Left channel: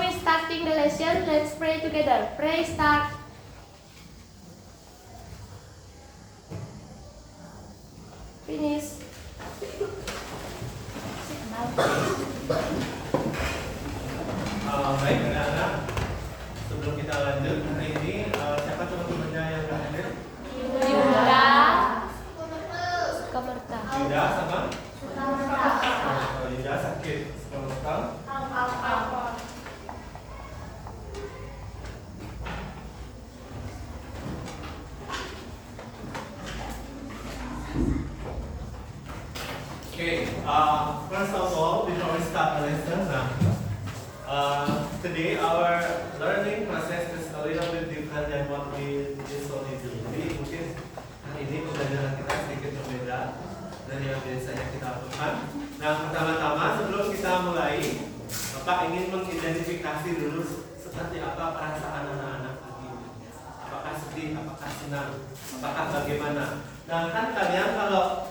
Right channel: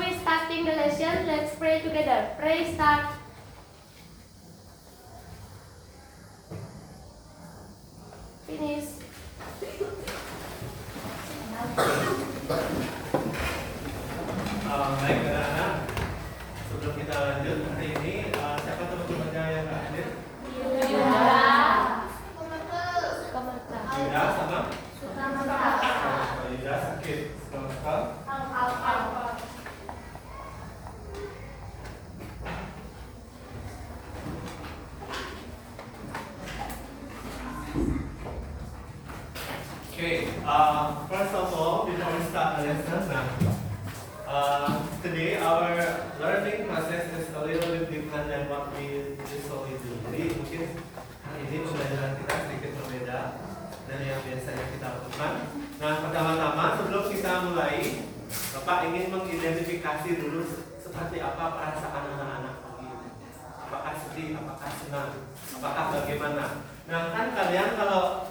we starting the lesson, let's pray together. Pray start. Finish. Baik anak-anak, sebelum kita lanjut hari ini, siapa teman-temannya yang nggak hadir? Yuda. Yuda sama? Yuda sakit, suka. Okay, first of all, before we start the lesson, today our learning process is a little bit different than what we usually do. Jadi mungkin hari ini pembelajaran kita sedikit berbeda dari yang biasanya kita lakukan. Nah, pertama-tama sebelum kita mulai, Bapak ingin mengidentifikasi dulu seperti apa perasaan anak-anak pagi ini. Apakah sedih, apakah senang, apakah bagaimana? Nah, kan kalian kalau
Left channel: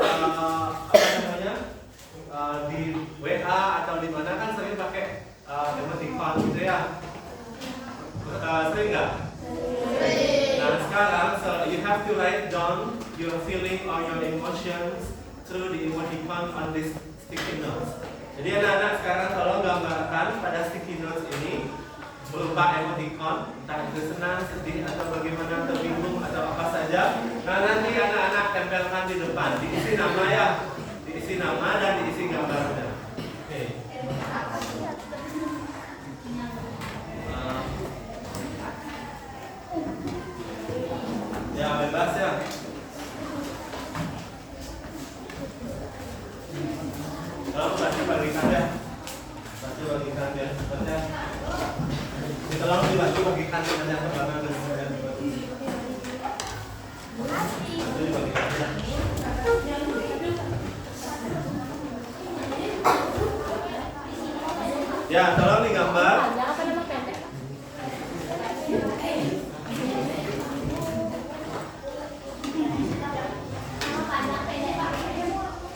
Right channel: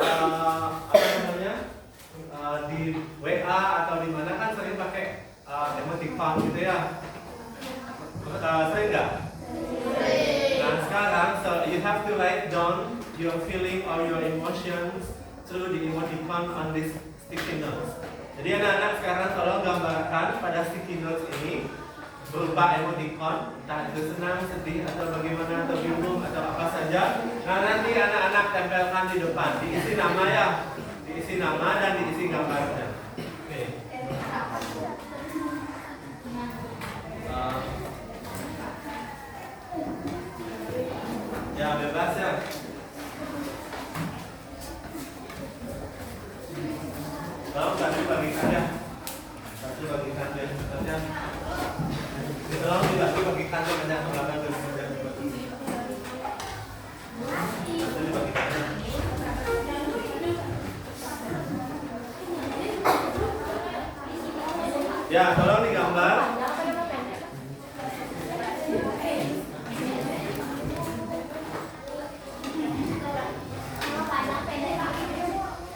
di WA atau di mana kan sering pakai emoticon gitu ya. Sering nggak? Nah, sekarang so you have to write down your feeling or your emotions through the emoticon on this sticky notes. Jadi anak-anak sekarang tolong gambarkan pada sticky notes ini berupa emoticon, entah itu senang, sedih, atau bagaimana, atau bingung, atau apa saja. Nah, nanti anak-anak tempelkan di depan, diisi nama ya, diisi nama dan diisi gambarnya. Oke. Ya, bebas ya. Tolong bagikan ya. Bagikan ya, cepat ya. Tolong dibagi bagikan dengan yang belakang dan ya, tolong digambar.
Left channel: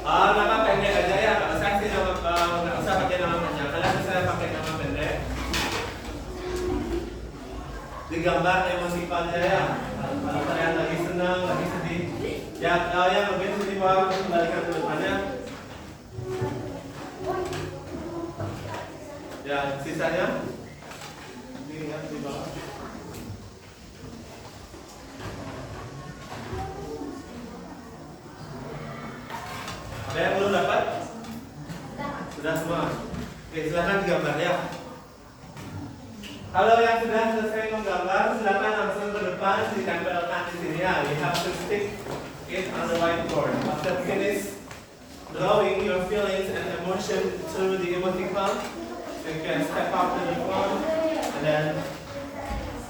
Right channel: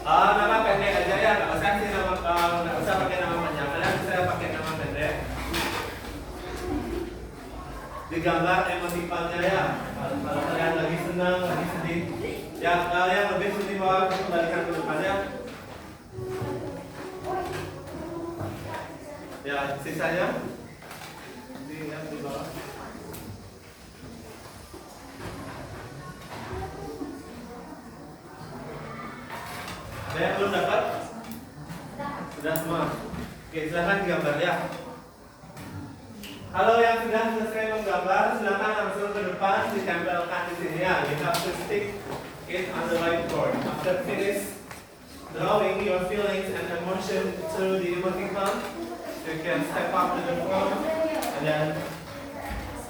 Nama pendek aja ya, nggak usah sih nggak usah pakai nama panjang. Kalian bisa pakai nama pendek. Digambar emosikannya ya. Kalau kalian lagi senang, lagi sedih, ya yang lebih sini bawah kembalikan ke depannya. Ya, sisanya diingat di bawah. Ada yang belum dapat? Sudah semua? Oke, silakan digambar ya. Kalau yang sudah selesai menggambar, silakan langsung ke depan ditempelkan di sini ya. You have to stick it on the whiteboard. After finish drawing your feelings and emotion through the emoticon, you can step up to the front and then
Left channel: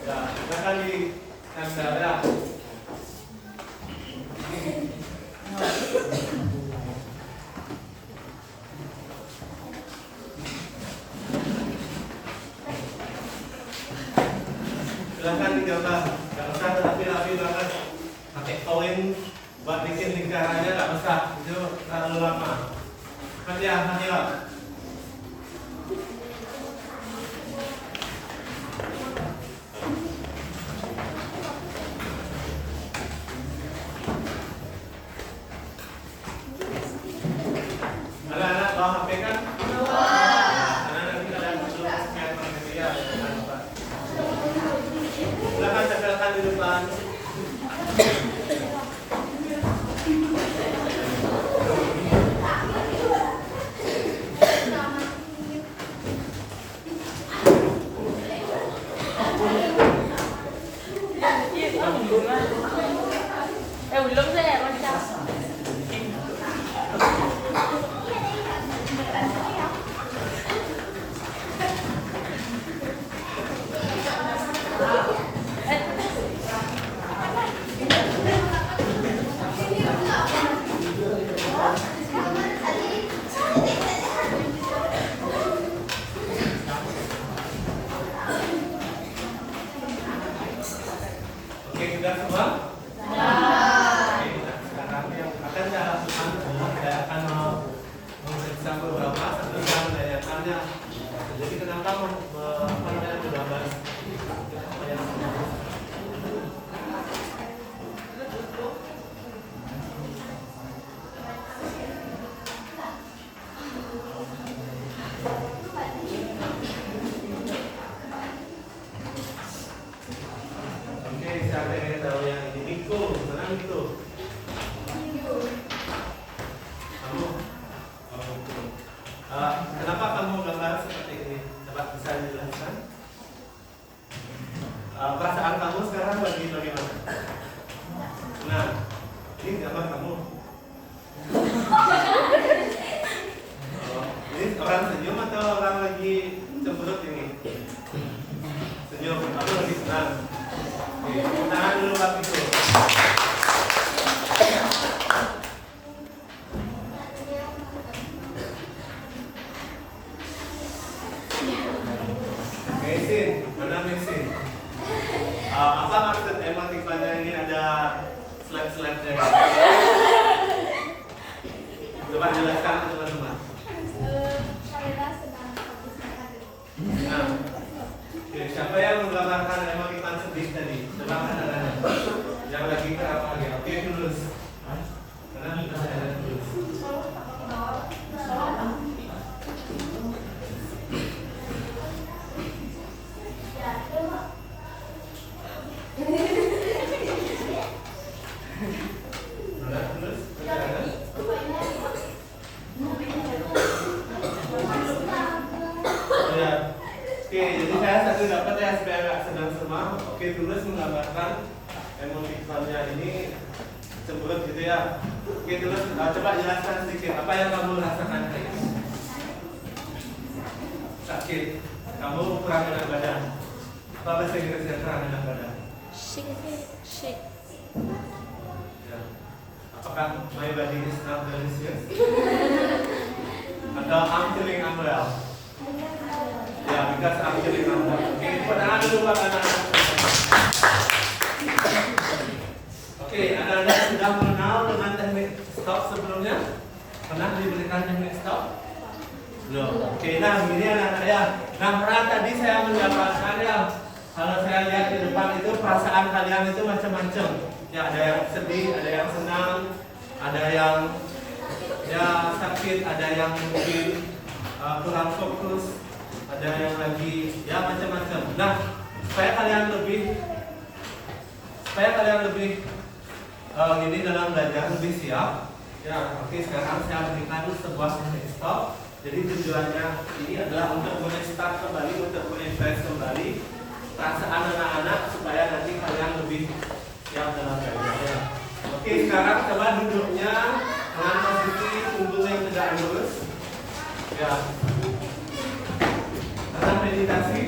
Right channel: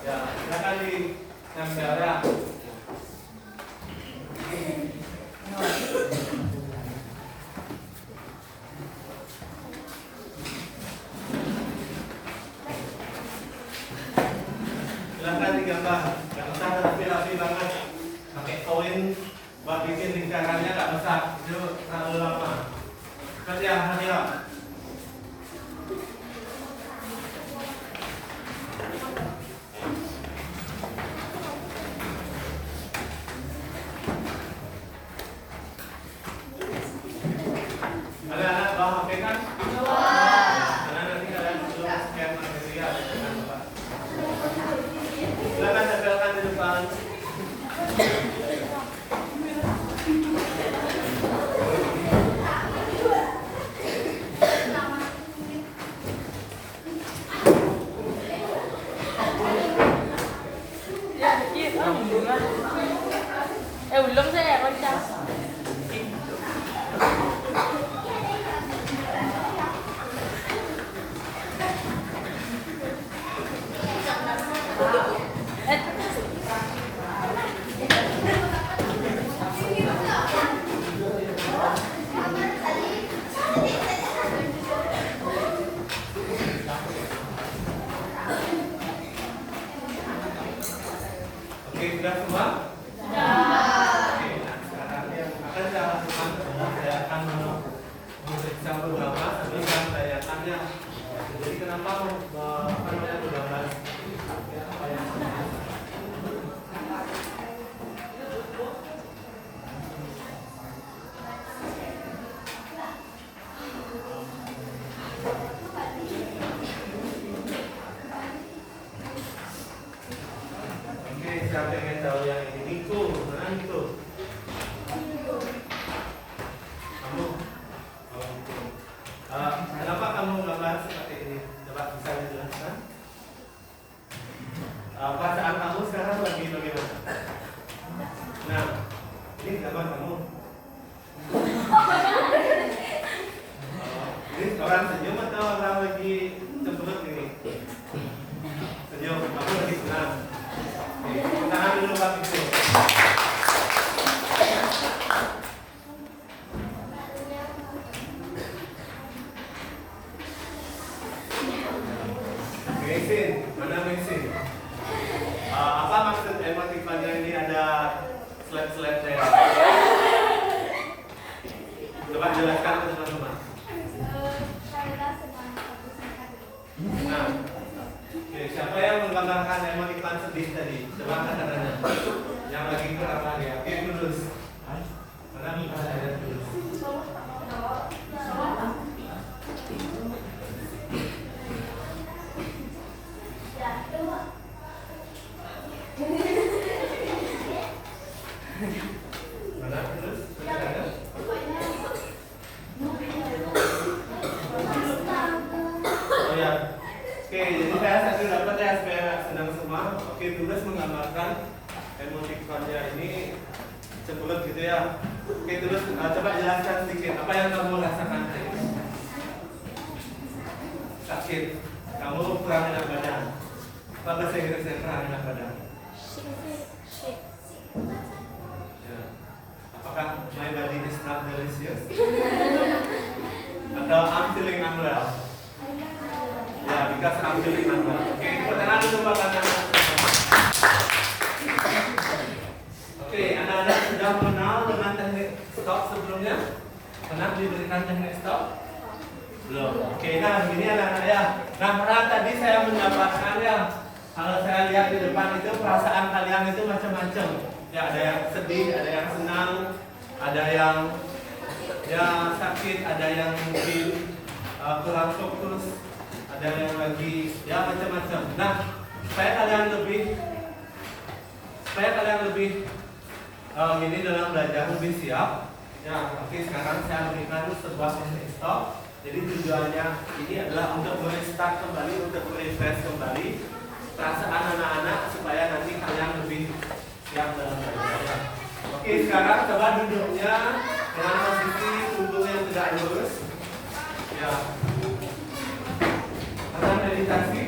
ya, silakan ditempel ya. Silahkan digambar, nggak usah rapi-rapi banget. Pakai koin buat bikin lingkarannya nggak usah, itu terlalu lama. Kerja, ayo. Anak-anak bawa HP kan? Anak-anak kalian belum scan HP ya. Silakan tempelkan di depan. Belum saya macam. Oke, sudah semua? Oke, nah sekarang yang akan saya lakukan adalah saya akan memeriksa beberapa satu tanyaannya. Jadi kenapa Kenapa kamu gambar seperti ini? Coba bisa dijelaskan? Perasaan kamu sekarang lagi bagaimana? Nah, ini gambar kamu. Ini orang senyum atau orang lagi cemberut ini? Senyum, aku lagi senang. Oke, tangan dulu waktu itu. Amazing, mana amazing? Apa maksud emotikonnya ini ada slide-slide-nya? Coba jelaskan ke teman-teman. Nah, oke, siapa yang menggambarkan emotikon sedih tadi? Coba angkat tangan. Yang lagi terang ya. Oke, tulus. Mana bisa saya tulus? Mana tulus? Oh ya. Oke, jadi saya satu dapat ya supaya nggak senang semua. Oke, tulus menggambarkan emotikonnya ini cemberut gitu ya. Oke, tulus coba jelaskan sedikit apa yang kamu rasakan hari ini. Sakit, kamu kurang enak badan. Apa bahasa Inggrisnya kurang enak badan? Shake. Ya. Apakah my body is not delicious? Atau I'm feeling unwell? Ya, because I'm feeling unwell. Oke, tepuk tangan dulu Pak anak-anak. Oke, anak-anak sudah mengenal dengan teknik stop sebelumnya? Pernah diberikan teknik stop? Belum. Oke, nah begini anak-anak ya. Nah, pernah tadi saya mendapatkan ya, kalau saya lihat di depan itu perasaan kalian itu macam-macam. Ya, ada yang sedih, ada yang senang, ada yang ya sakit, ada yang mungkin kurang fokus, ada yang lagi ya macam-macam. Nah, supaya kalian lebih gini dalam belajar lebih siap. Ya, oke, sekarang saya berikan sebuah teknik stop. Jadi tujuannya ini adalah untuk merestart kembali, untuk merefresh kembali perasaan anak-anak supaya nanti kalian lebih siap dalam belajar. Oke, sekarang coba duduknya dengan posisi punggung yang tegak lurus. Ya. Akan meditasi.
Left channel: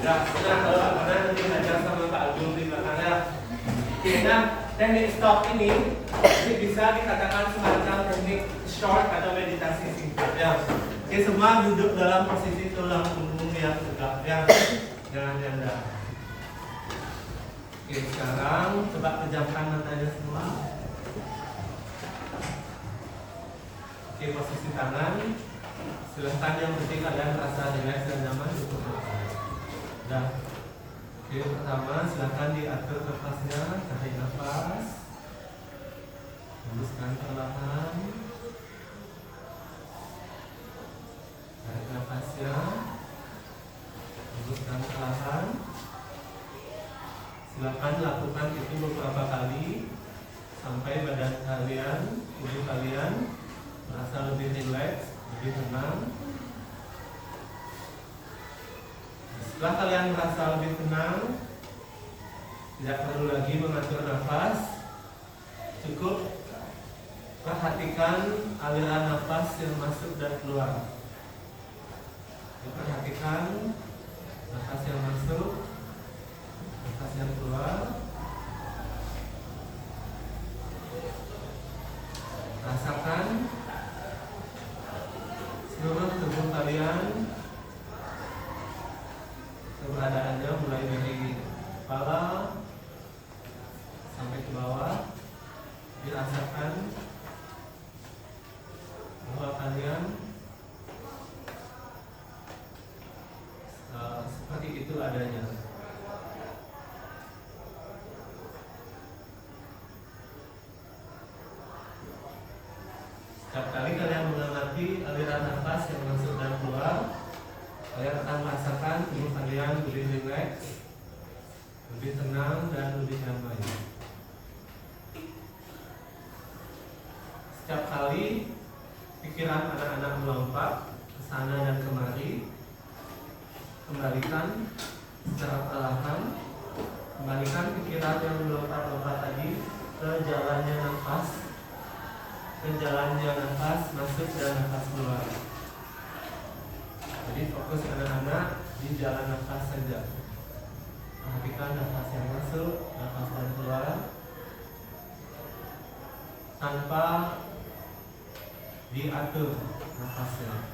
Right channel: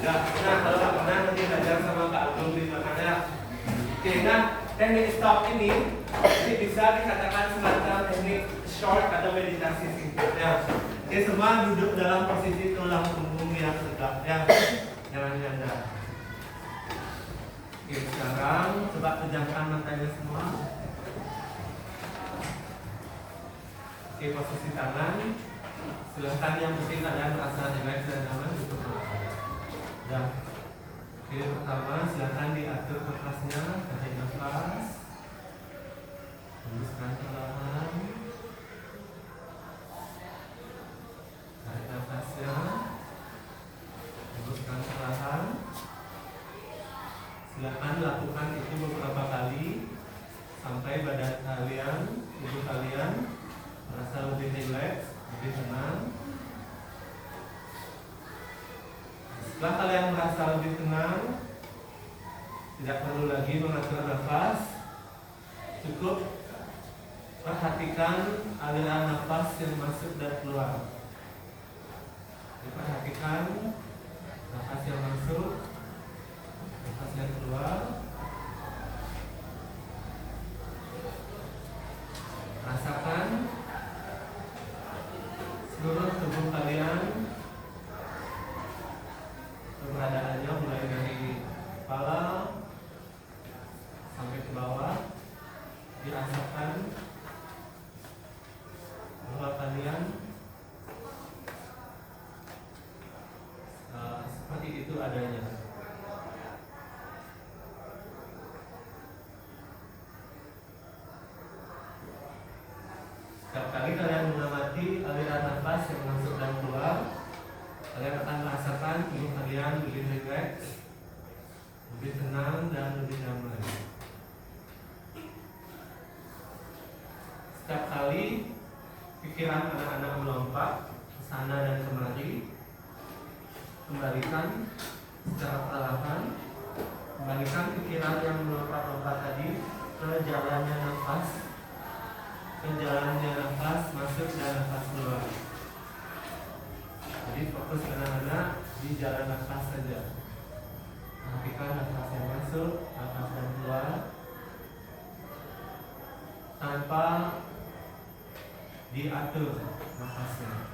Ya, nah kalau pernah nanti belajar sama Pak Agung di belakangnya. Oke, nah teknik stop ini bisa dikatakan semacam teknik short atau meditasi singkat. Ya. Oke, semua duduk dalam posisi tulang punggung yang tegak. Ya, jangan janda. Oke, sekarang coba pejamkan matanya semua. Oke, posisi tangan. Silahkan yang penting kalian merasa relax dan nyaman duduk. Nah, oke, pertama silahkan diatur nafasnya, tarik nafas, hembuskan perlahan, tarik nafasnya, hembuskan perlahan. Silahkan lakukan itu beberapa kali sampai badan kalian, tubuh kalian merasa lebih rileks, lebih tenang. Setelah kalian merasa lebih tenang, tidak perlu lagi mengatur nafas. Cukup perhatikan aliran nafas yang masuk dan keluar. Perhatikan nafas yang masuk, nafas yang keluar. Rasakan seluruh tubuh kalian, keberadaannya mulai dari kepala sampai ke bawah. Dirasakan bahwa kalian seperti itu adanya. Setiap kali kalian mengamati aliran nafas yang masuk dan keluar, kalian akan merasakan tubuh kalian lebih rileks, lebih tenang dan lebih nyaman. Setiap kali pikiran anak-anak melompat ke sana dan kemari. Kembalikan secara perlahan. Kembalikan pikiran yang melompat-lompat tadi ke jalannya nafas. Ke jalannya nafas masuk dan nafas keluar. Jadi fokus anak-anak di jalan nafas saja. Perhatikan nafas yang masuk, nafas yang keluar, tanpa diatur nafasnya.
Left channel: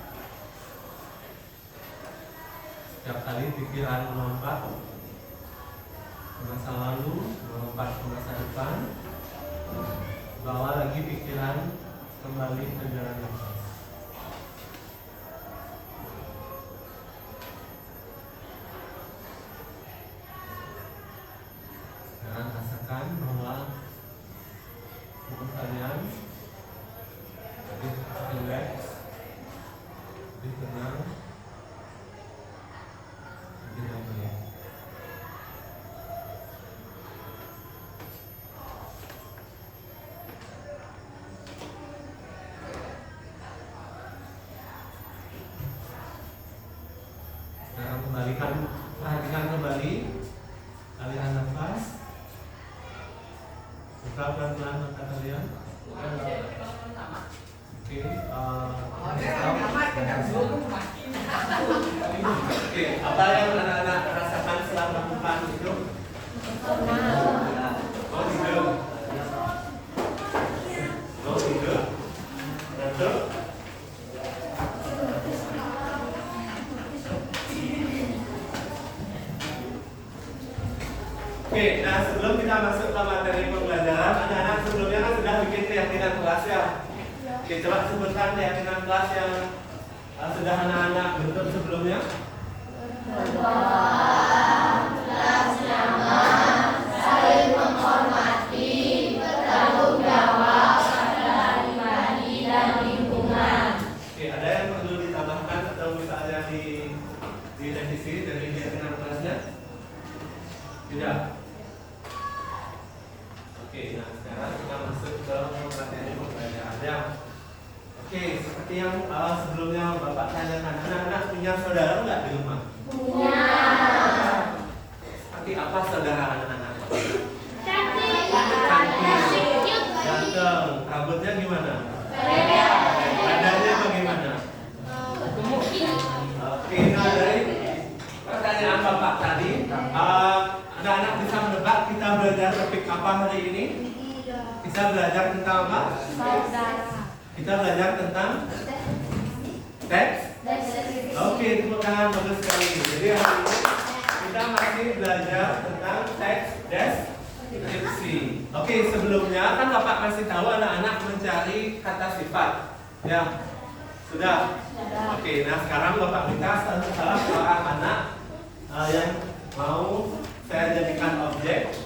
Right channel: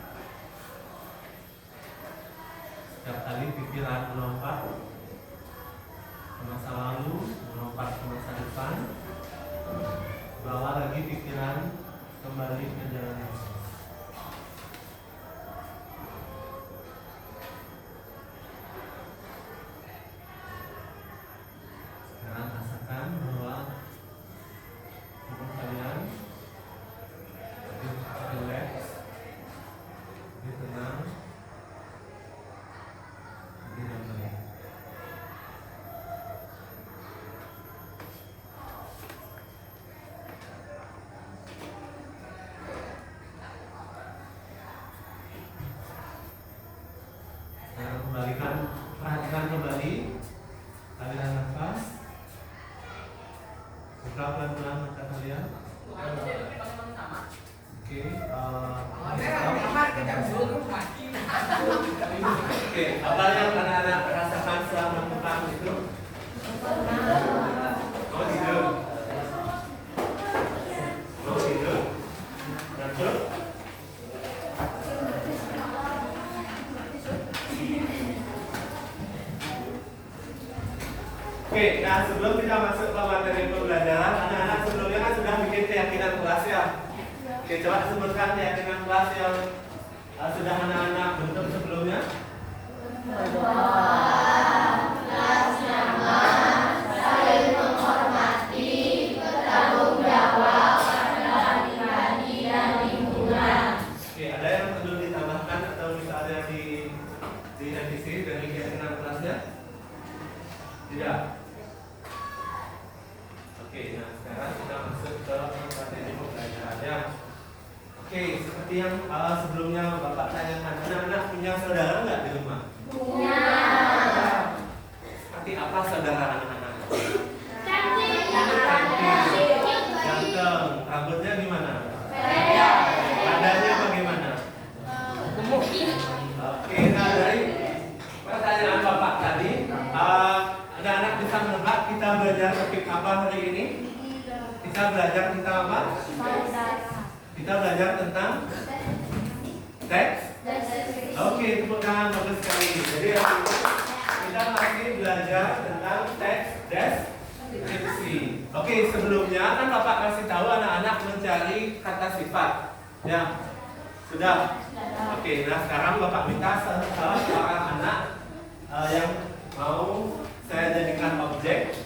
Setiap kali pikiran melompat ke masa lalu, melompat ke masa depan, bawa lagi pikiran kembali ke jalan nafas. Sekarang rasakan bahwa tubuh kalian lebih relax, lebih tenang, lebih damai. Sekarang perhatikan kembali aliran nafas. Buka pelan-pelan mata kalian. Oke, apa yang anak-anak rasakan setelah melakukan itu? Mau tidur? Mau tidur? Ngantuk? Oke, nah sebelum kita masuk ke materi pembelajaran, anak-anak sebelumnya kan sudah bikin keyakinan kelas ya. Oke, coba sebutkan keyakinan kelas yang sudah anak-anak bentuk sebelumnya. Kelas nyaman, saling menghormati, bertanggung jawab pada pribadi dan lingkungan. Oke, ada yang perlu ditambahkan atau misalnya direvisi dari keyakinan kelasnya? Tidak. Oke, nah sekarang kita masuk ke materi pembelajarannya. Oke, seperti yang sebelumnya Bapak tanyakan, anak-anak punya saudara nggak di rumah? Punya. Seperti apa saudara anak-anak? Cantik. Ganteng. Rambutnya gimana? Pendek. Badannya bagaimana? Oke, nah dari pertanyaan Bapak tadi, anak-anak bisa menebak kita belajar topik apa hari ini? Kita belajar tentang apa? Kita belajar tentang teks. Oke, tepuk tangan, bagus sekali. Jadi hari ini kita masih belajar tentang teks deskripsi. Oke, sebelumnya kan Bapak kasih tahu anak-anak mencari kata sifat. Ya, sudah. Oke, nah sekarang Bapak minta salah seorang anak yang mau saya jadikan objek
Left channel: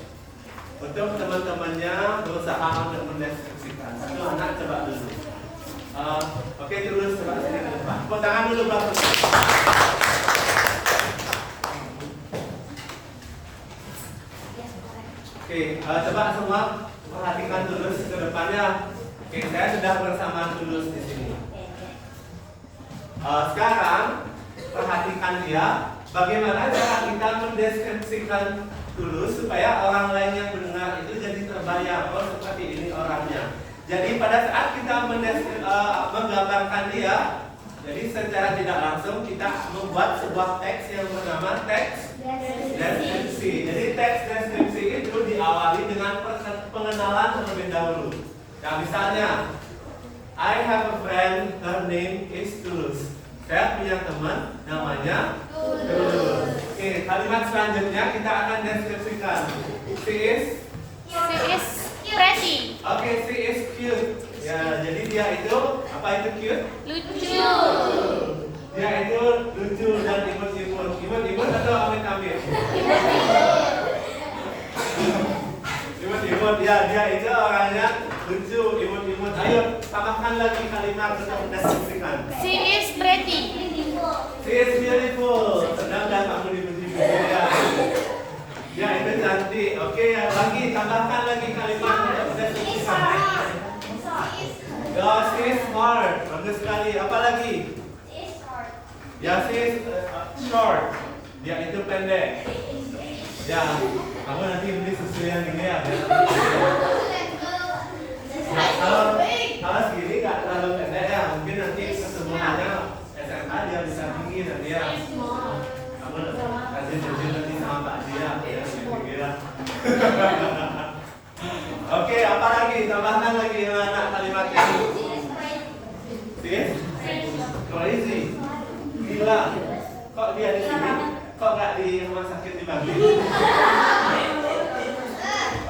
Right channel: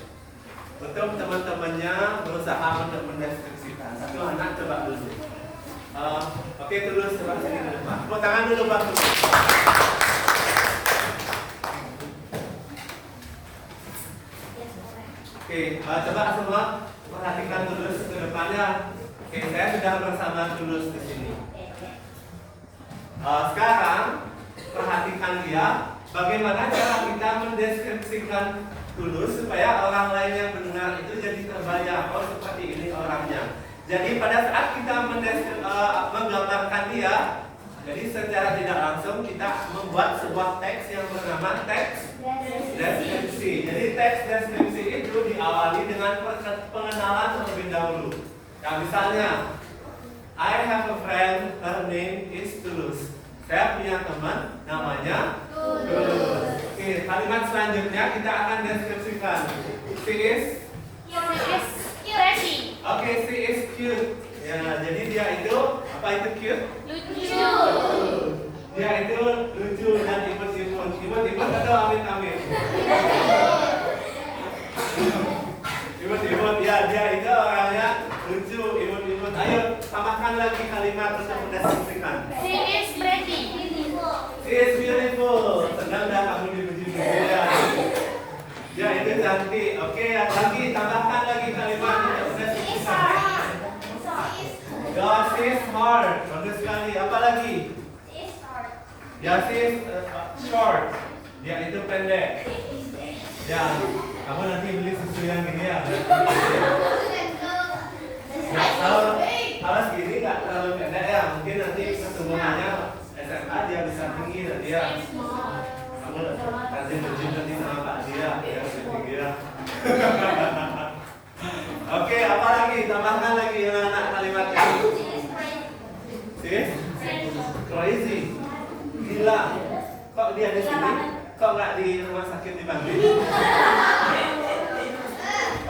untuk teman-temannya berusaha untuk mendeskripsikan. Satu anak coba dulu. Oke, terus coba sini ke depan. Tepuk tangan dulu Bang. Oke, coba semua perhatikan Tulus ke depannya. Oke, saya sudah bersama Tulus di sini. Sekarang perhatikan dia. Bagaimana cara kita mendeskripsikan Tulus supaya orang lain yang mendengar itu jadi terbayang, oh seperti ini orangnya. Jadi pada saat kita menggambarkan dia, jadi secara tidak langsung kita membuat sebuah teks yang bernama teks deskripsi. Jadi teks deskripsi itu diawali dengan pengenalan terlebih dahulu. Nah misalnya, I have a friend, her name is Tulus. Saya punya teman namanya Tulus. Oke, kalimat selanjutnya kita akan deskripsikan. She is pretty. Oke, she is cute. Ya, jadi dia itu apa itu cute? Lucu. Dia itu lucu dan imut-imut. Imut-imut atau amit-amit? Imut-imut. Ya, dia itu orangnya lucu, imut-imut. Ayo, tambahkan lagi kalimat untuk mendeskripsikan. She is pretty. She is beautiful. Sedang dah kamu dipuji ya. Ya, itu cantik. Oke, lagi tambahkan lagi kalimat untuk mendeskripsikan. God is hard. Bagus sekali. sekali. Apa lagi? Ya, she is short. Dia itu pendek. Ya, kamu nanti beli susu yang gini ya. Kalau segini nggak terlalu pendek ya, mungkin nanti kesemuanya SMA dia bisa tinggi nanti ya. Kamu nanti nanti sama Pak dia ya tinggi ya. Oke, apa lagi? Tambahkan lagi anak kalimatnya. Sis? Crazy. Gila. Kok dia di sini? Kok nggak di rumah sakit di Bangli?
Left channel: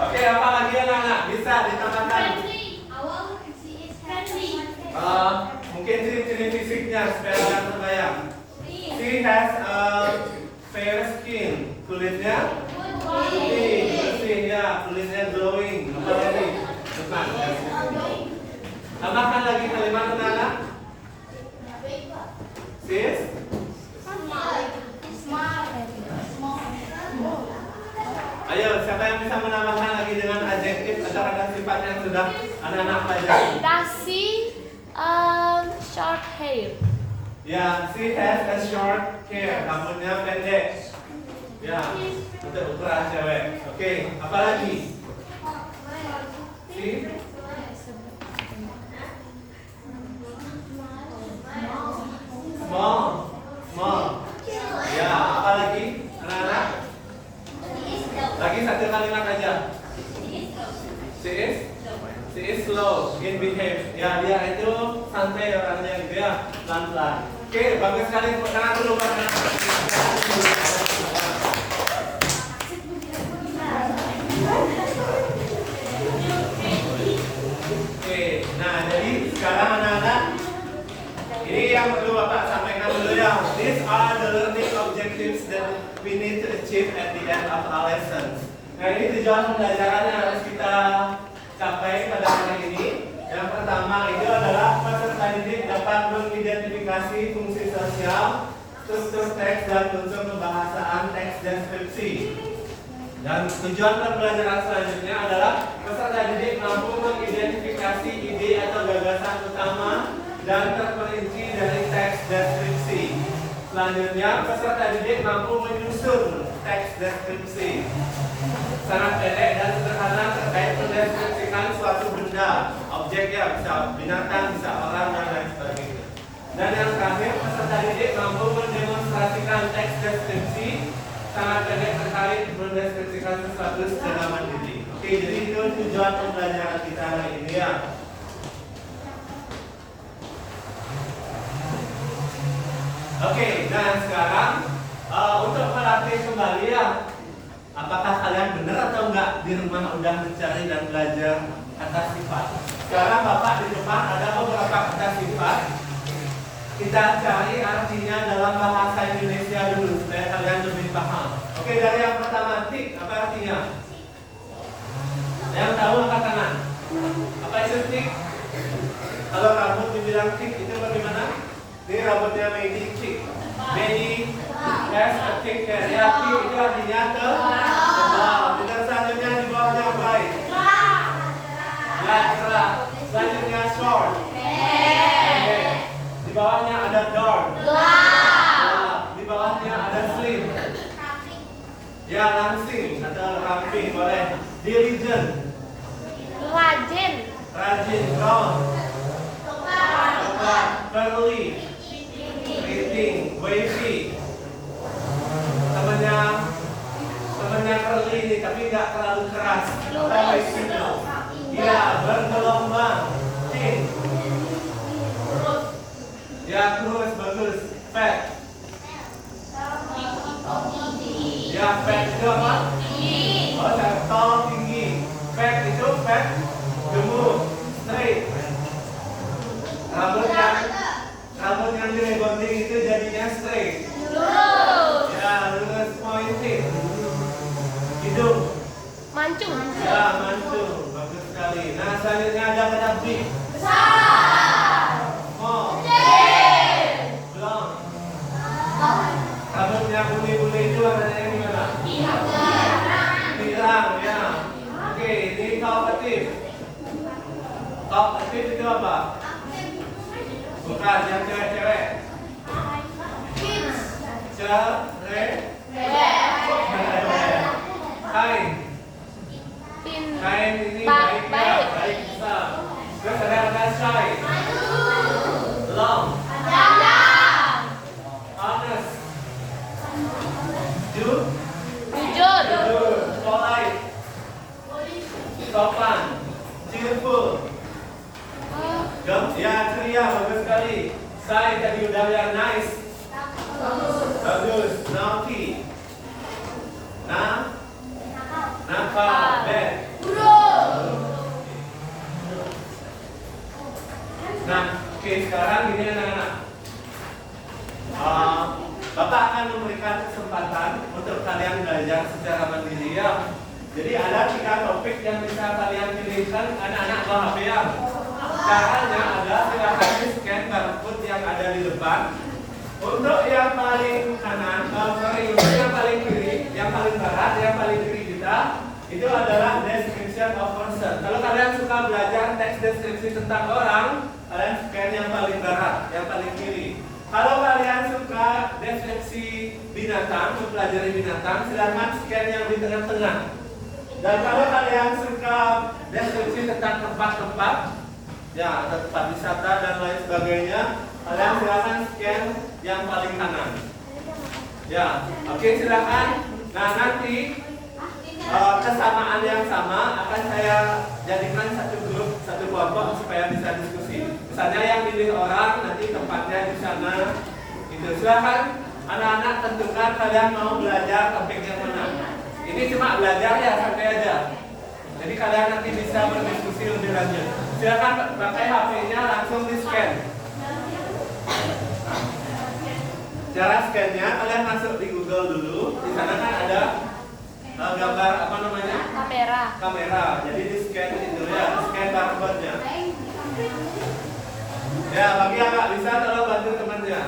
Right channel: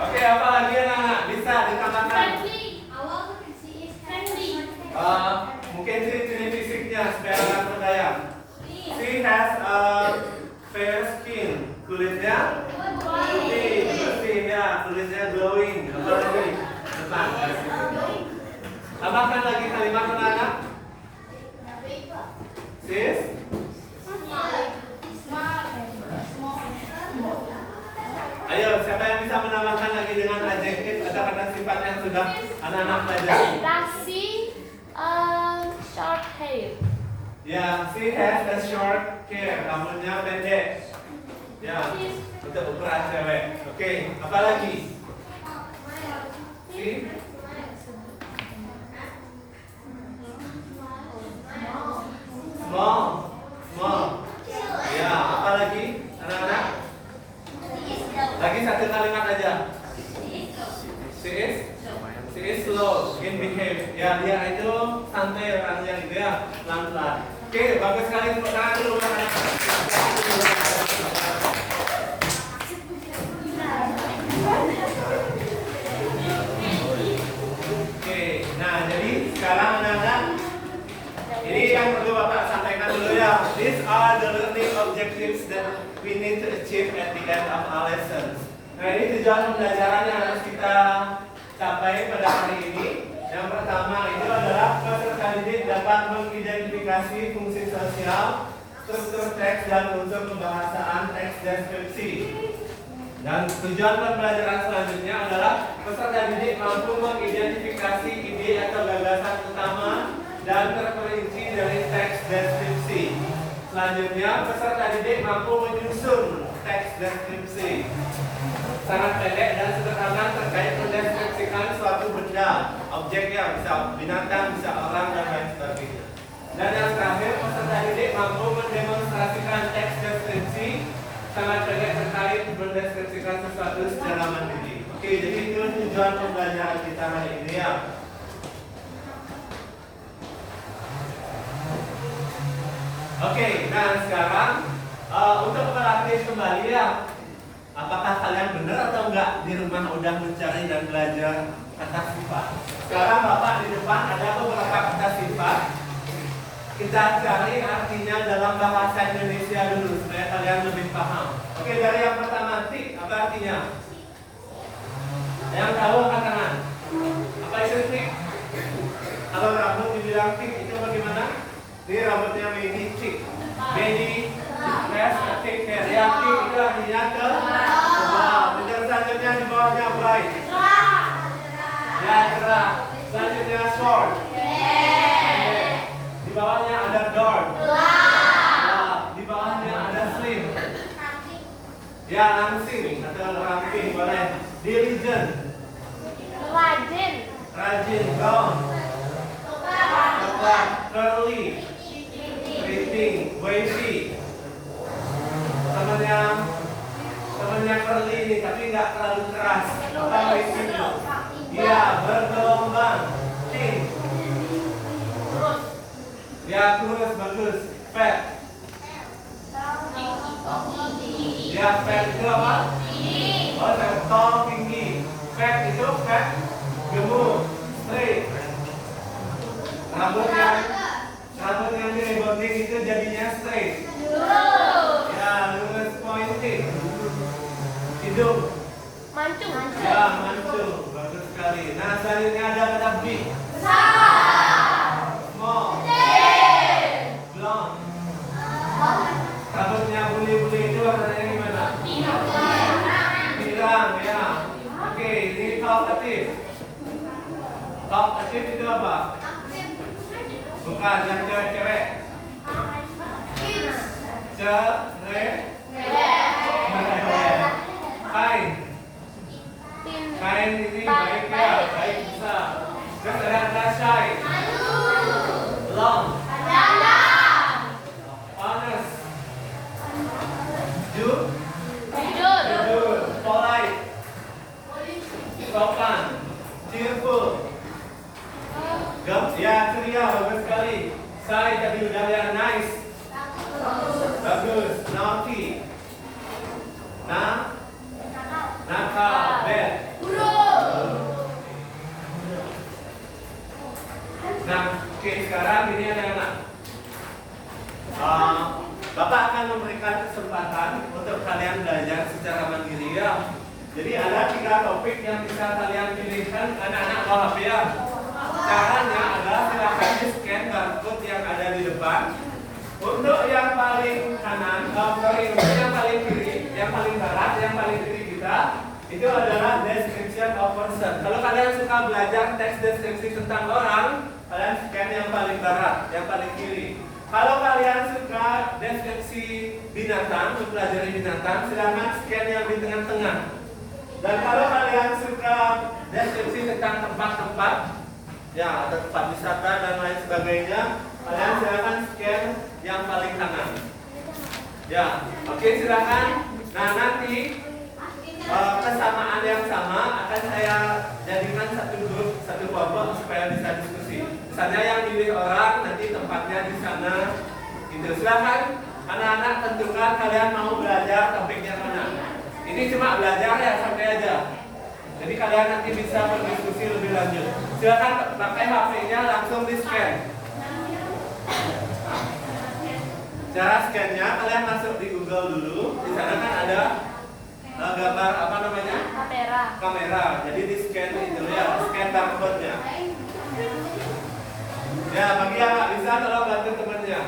Oke, apa lagi anak-anak? Bisa ditambahkan? Mungkin ciri-ciri fisiknya supaya nggak terbayang. She has a fair skin. Kulitnya putih, bersih ya. Kulitnya glowing. Apa lagi? Depan. Tambahkan lagi kalimat anak-anak. Sis? Ayo, siapa yang bisa menambahkan lagi dengan adjektif atau kata sifat yang sudah anak-anak pelajari? Nasi, short hair. Ya, she has a short hair. Rambutnya pendek. Ya, untuk ukuran cewek. Oke, apa lagi? She? Small. Small. Ya, apa lagi? Anak-anak? Lagi satu kalimat aja. She is slow in behavior. Ya, dia itu santai orangnya gitu ya, pelan-pelan. Oke, bagus sekali. Tepuk tangan dulu buat anak-anak. Oke, nah jadi sekarang anak-anak, ini yang perlu Bapak sampaikan dulu ya. These are the learning objectives that we need to achieve at the end of our lessons. Nah, ini tujuan pembelajaran yang harus kita capai pada hari ini. Yang pertama itu adalah peserta didik dapat mengidentifikasi fungsi sosial, struktur teks dan unsur pembahasaan teks deskripsi. Dan tujuan pembelajaran selanjutnya adalah peserta didik mampu mengidentifikasi ide atau gagasan utama dan terperinci dari teks deskripsi. Selanjutnya, peserta didik mampu menyusun teks deskripsi sangat pendek dan sederhana terkait mendeskripsikan suatu benda, objek ya, bisa binatang, bisa orang dan lain sebagainya. Dan yang terakhir, peserta didik mampu mendemonstrasikan teks deskripsi sangat pendek terkait mendeskripsikan sesuatu secara mandiri. Oke, jadi itu tujuan pembelajaran kita hari ini ya. Oke, nah sekarang untuk praktis kembali ya. Apakah kalian benar atau enggak di rumah udah mencari dan belajar kata sifat? Sekarang Bapak di depan ada beberapa kata sifat. Kita cari artinya dalam bahasa Indonesia dulu supaya kalian lebih paham. Oke, dari yang pertama, tik, apa artinya? Yang tahu angkat tangan. Apa itu tik? Kalau rambut dibilang tik itu bagaimana? Ini rambutnya Medi, tik. Medi has a thick hair. Ya, tik itu artinya tebal. Yang selanjutnya di bawahnya bright. Ya, cerah. Selanjutnya short. Di bawahnya ada dark. Di bawahnya ada slim. Ya, langsing atau ramping boleh. Diligent. Rajin. Brown. Curly. Keriting. Wavy. Temannya curly ini tapi nggak terlalu keras. Apa wavy? Ya, bergelombang. Thin. Ya, terus bagus. Fat. Ya, fat itu apa? Oh, tall, tinggi. Fat itu fat, gemuk, straight. Rambut yang direbonding itu jadinya straight. Ya, lurus, pointed. Hidung. Mancung. Ya, mancung. Bagus sekali. Nah, selanjutnya ada kata big. Small. Blonde. Rambutnya bule-bule itu warnanya gimana? Pirang, ya. Oke, ini talkative. Talkative itu apa? Bukan, Kain. Pin. Kain ini baik ya, baik bisa. Terus ada syai. Long. Honest. Jujur. Jujur. Polite. Sopan. Cheerful. Ya, ceria, bagus sekali. Saya tadi udah yang nice. Bagus. Naughty. Nakal. Bad. Nah, oke, sekarang ini anak-anak. Bapak akan memberikan kesempatan untuk kalian belajar secara mandiri ya. Jadi ada 3 topik yang bisa kalian pilihkan, anak-anak bawa HP ya. Caranya adalah silakan di-scan barcode yang ada di depan. Untuk yang paling kanan, untuk yang paling kiri, yang paling barat, yang paling kiri kita, itu adalah description of person. Kalau kalian suka belajar teks deskripsi tentang orang, kalian scan yang paling barat, yang paling kiri. Kalau kalian suka deskripsi binatang, mempelajari binatang, silakan scan yang di tengah-tengah. Dan kalau kalian suka deskripsi tentang tempat-tempat, ya, tempat wisata dan lain sebagainya, kalian silakan scan yang paling kanan. Ya, oke, silakan. Nah, nanti kesamaan yang sama akan saya jadikan satu grup, satu kelompok supaya bisa diskusi. Misalnya yang pilih orang, nanti tempatnya di sana. Gitu. Silakan anak-anak tentukan kalian mau belajar topik yang mana. Ini cuma belajar ya, sampai aja. Jadi kalian nanti bisa berdiskusi lebih lanjut. Silakan pakai HP-nya langsung di scan. Cara scan-nya kalian masuk di Google dulu. Di sana kan ada gambar apa namanya? Kamera. Jadi di scan itu ya, scan barcode-nya. Ya, bagi yang nggak bisa tolong bantu temannya.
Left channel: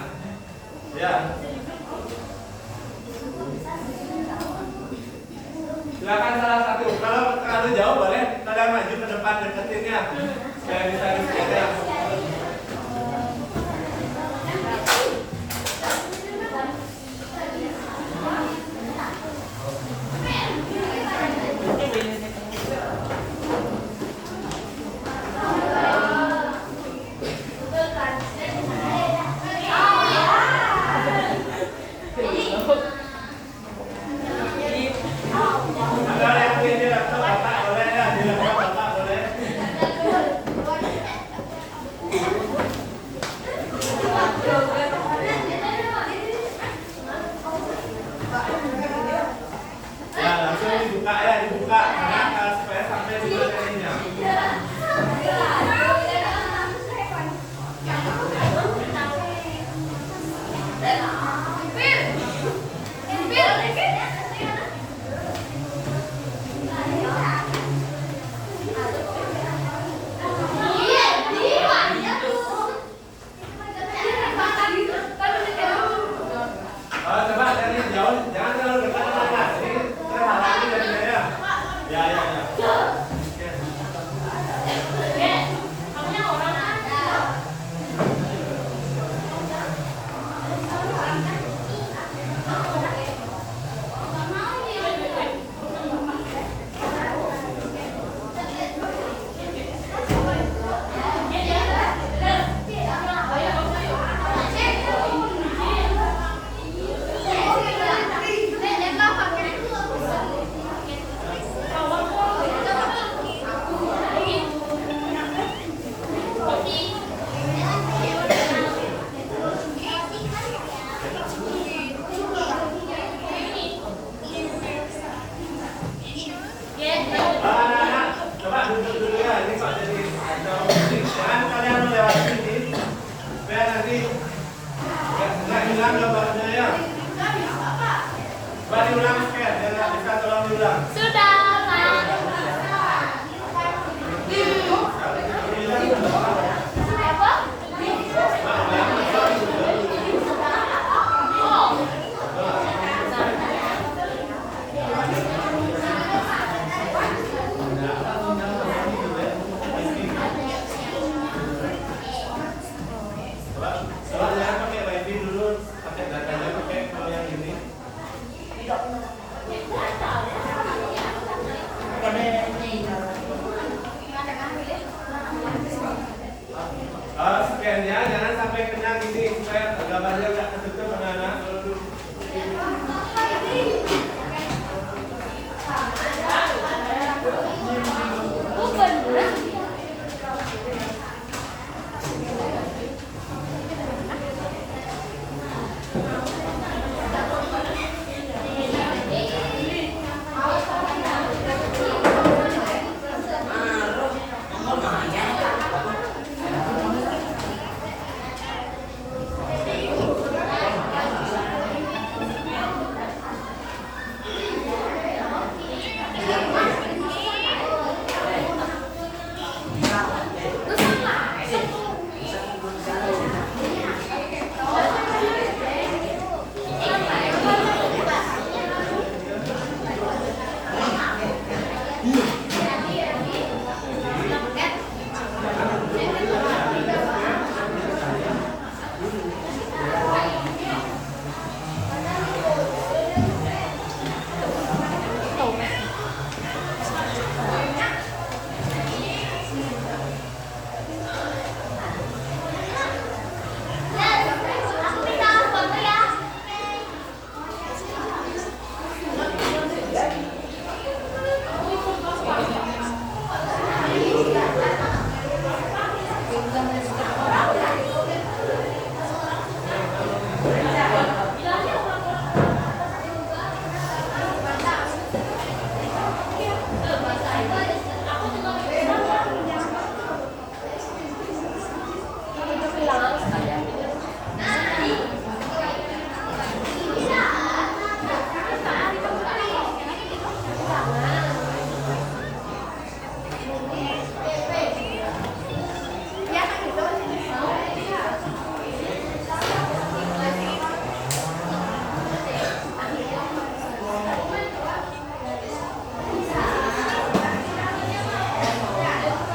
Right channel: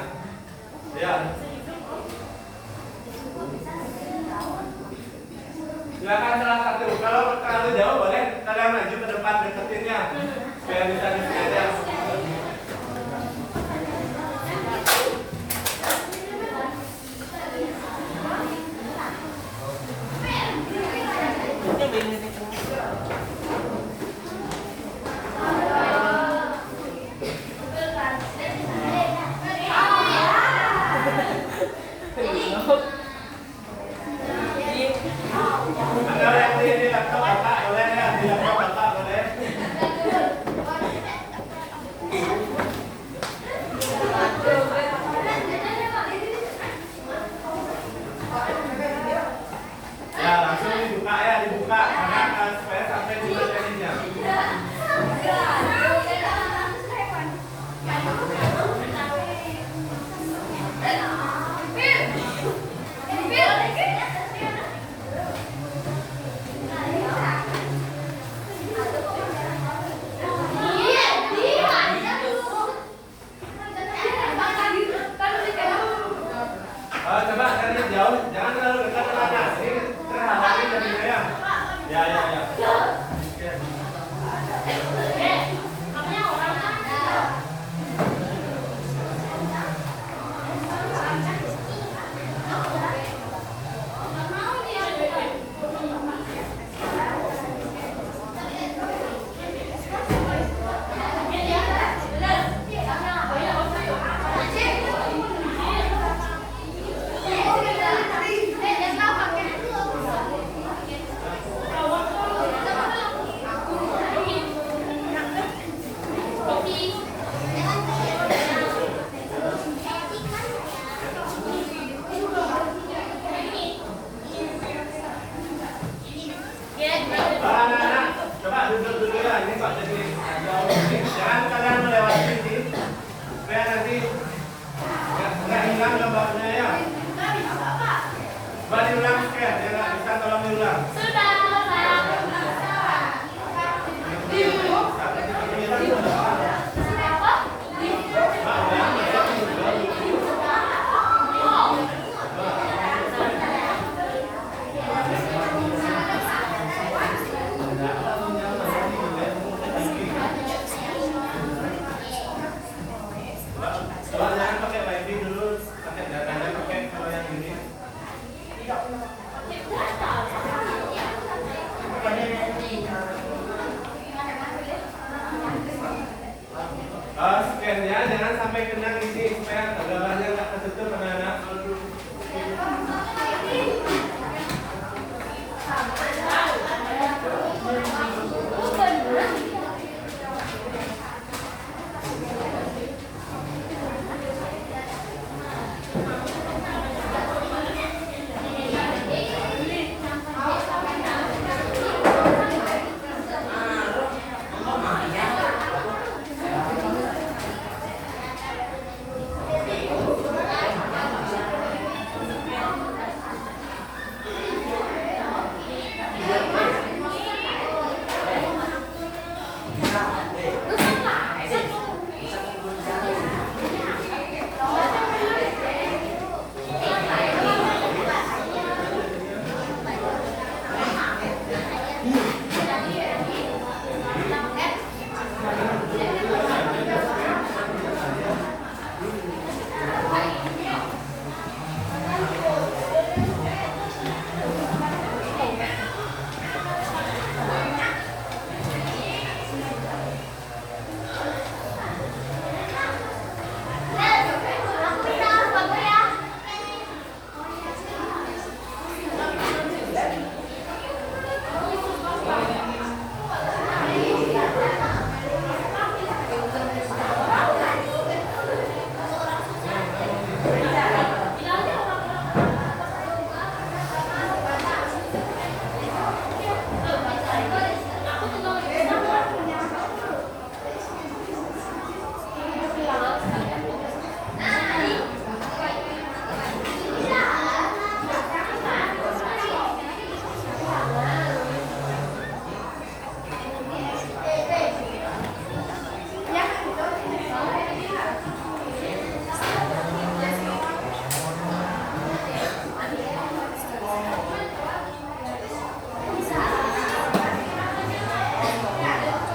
Ya. Silakan salah satu. Kalau terlalu jauh boleh kalian maju ke depan deketin ya. Supaya bisa di scan ya.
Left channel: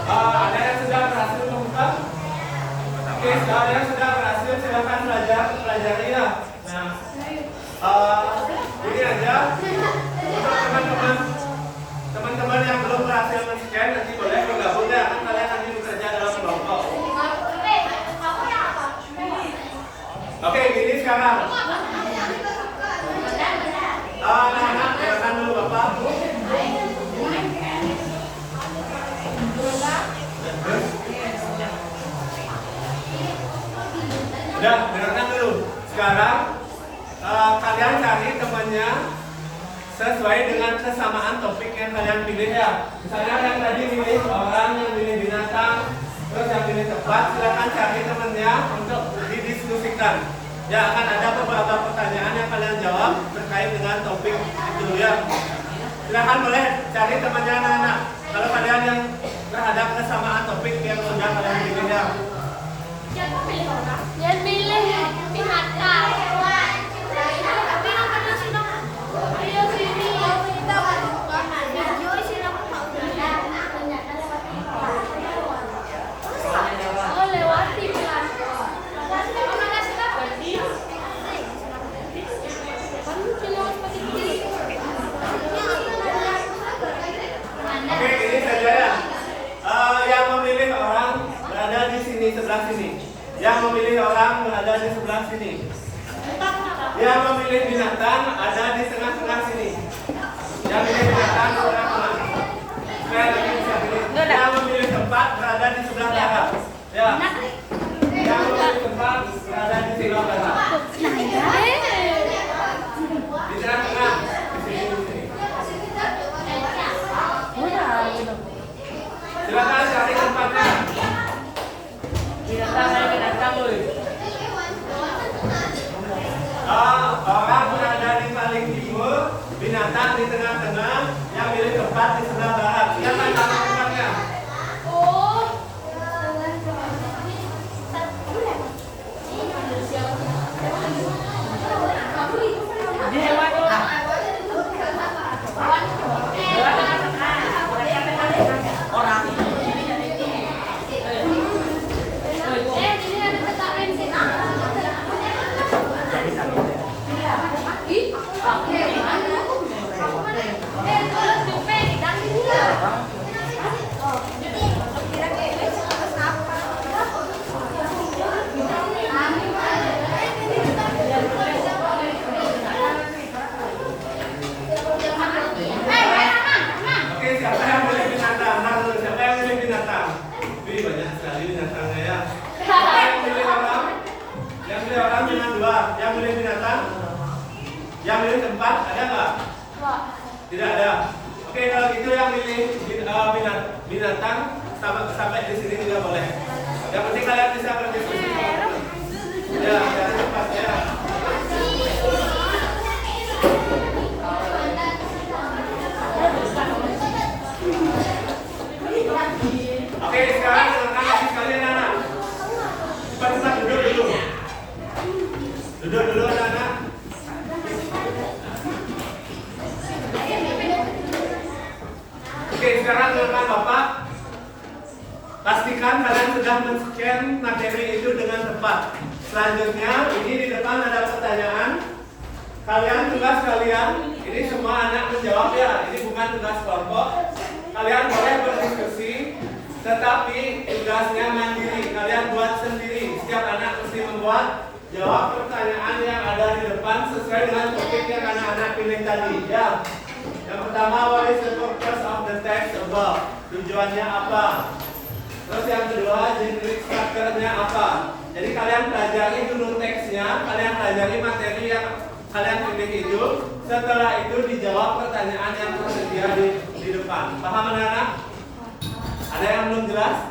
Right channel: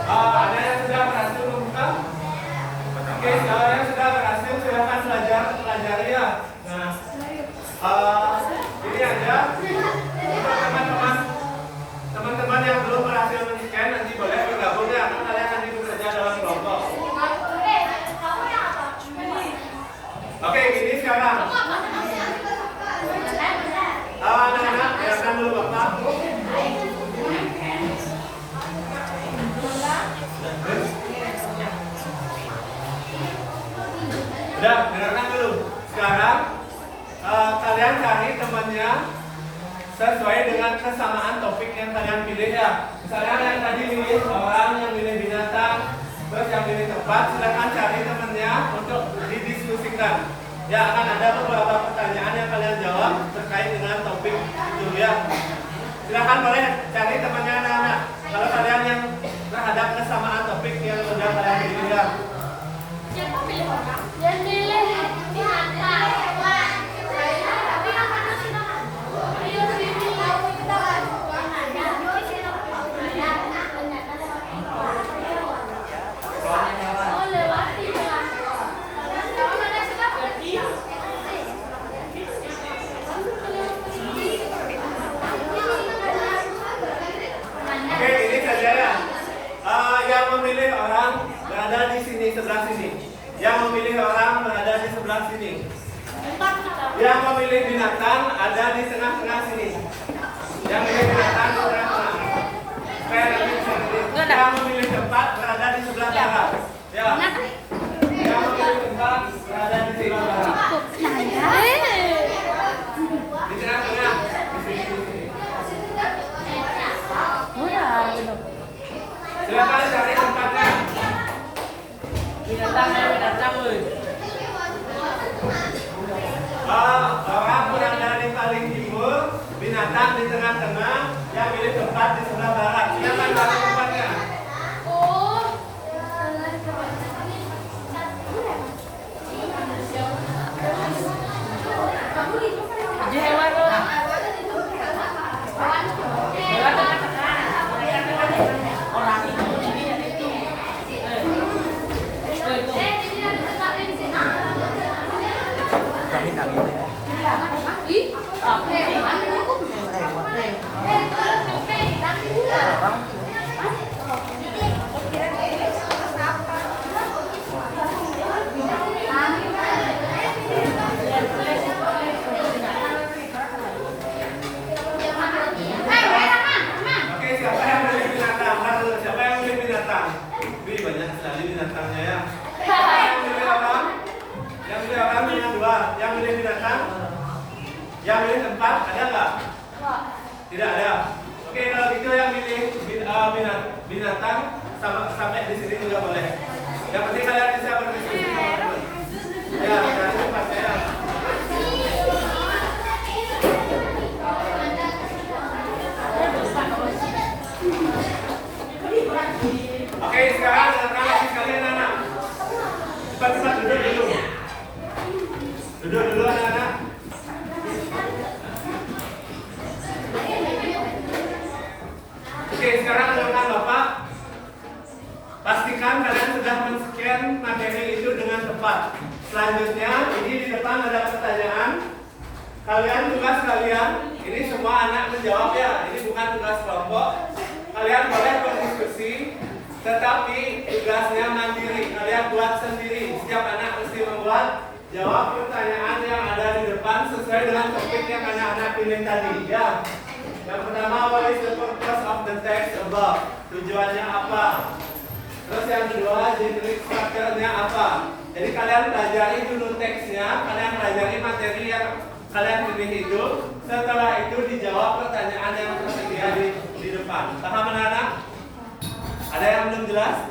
Ada yang sudah berhasil membuka? Oke, kalau yang sudah berhasil silakan pelajari ya. Nah, ini aja untuk teman-teman yang belum berhasil men-scan nanti boleh bergabung ya. Kan kalian nanti bekerja dalam kelompok. Oke, gini sekarang. Anak-anak, silakan dulu Bapak. Udah, dengarkan dulu. Sekarang kalian cari temannya sesuai dengan kesamaan topik yang kalian pilih ya. Misalnya yang tadi milih orang, yang milih binatang, terus yang pilih tempat, silakan cari temannya untuk didiskusikan. Ya, akan ada beberapa pertanyaan yang kalian jawab terkait dengan topik itu ya. Silakan boleh cari temannya anak-anak. Kalau kalian yang terhadap kesamaan topik yang sudah kalian pilih ya. Siapa pilih orang? Yang milih binatang. Oke, ini saja ya. Yang memilih orang berada di sini sebelah sini. Yang memilih orang berada di sebelah sini. Yang memilih binatang ada di tengah-tengah sini. Yang memilih binatang di tengah-tengah. Yang memilih tempat berada di sebelah barat. Ya. Yang memilih tempat berada di sebelah barat. Di tengah-tengah. Di sini. Silakan cari tempatnya. Orang berada di paling timur, binatang di tengah-tengah, yang milih tempat di sebelah barat. Siapa yang tahu tempatnya? Yang milih tempat ada nggak? Tidak ada. Oke, kalau gitu yang milih binatang sampai di sini juga boleh. Yang penting kalian bisa berdiskusi. Ya, cari tempat ya. Oke, sekarang dengarkan lagi sekalian anak. Cepat-cepat duduk dulu. Duduk dulu anak-anak. Oke, sekarang dengarkan Bapak. Pastikan kalian sudah men-scan materi itu dengan tepat. Selanjutnya, ini di depan ada pertanyaan. Tugas kalian, ini semua anak menjawab ya. Ini bukan tugas kelompok. Kalian boleh berdiskusi, tetapi tugasnya mandiri. Kalian buat sendiri. Setiap anak mesti membuat jawab pertanyaan yang ada di depan sesuai dengan topik yang anak-anak pilih tadi. Ya. Yang pertama, what is the purpose of the text above? Tujuannya apa? Terus yang kedua, generic structure-nya apa? Jadi kalian pelajari dulu teksnya, kalian pelajari materi yang kalian pilih itu. Setelah itu dijawab pertanyaan yang tersedia di depan. Paham anak-anak? Ada yang belum jelas?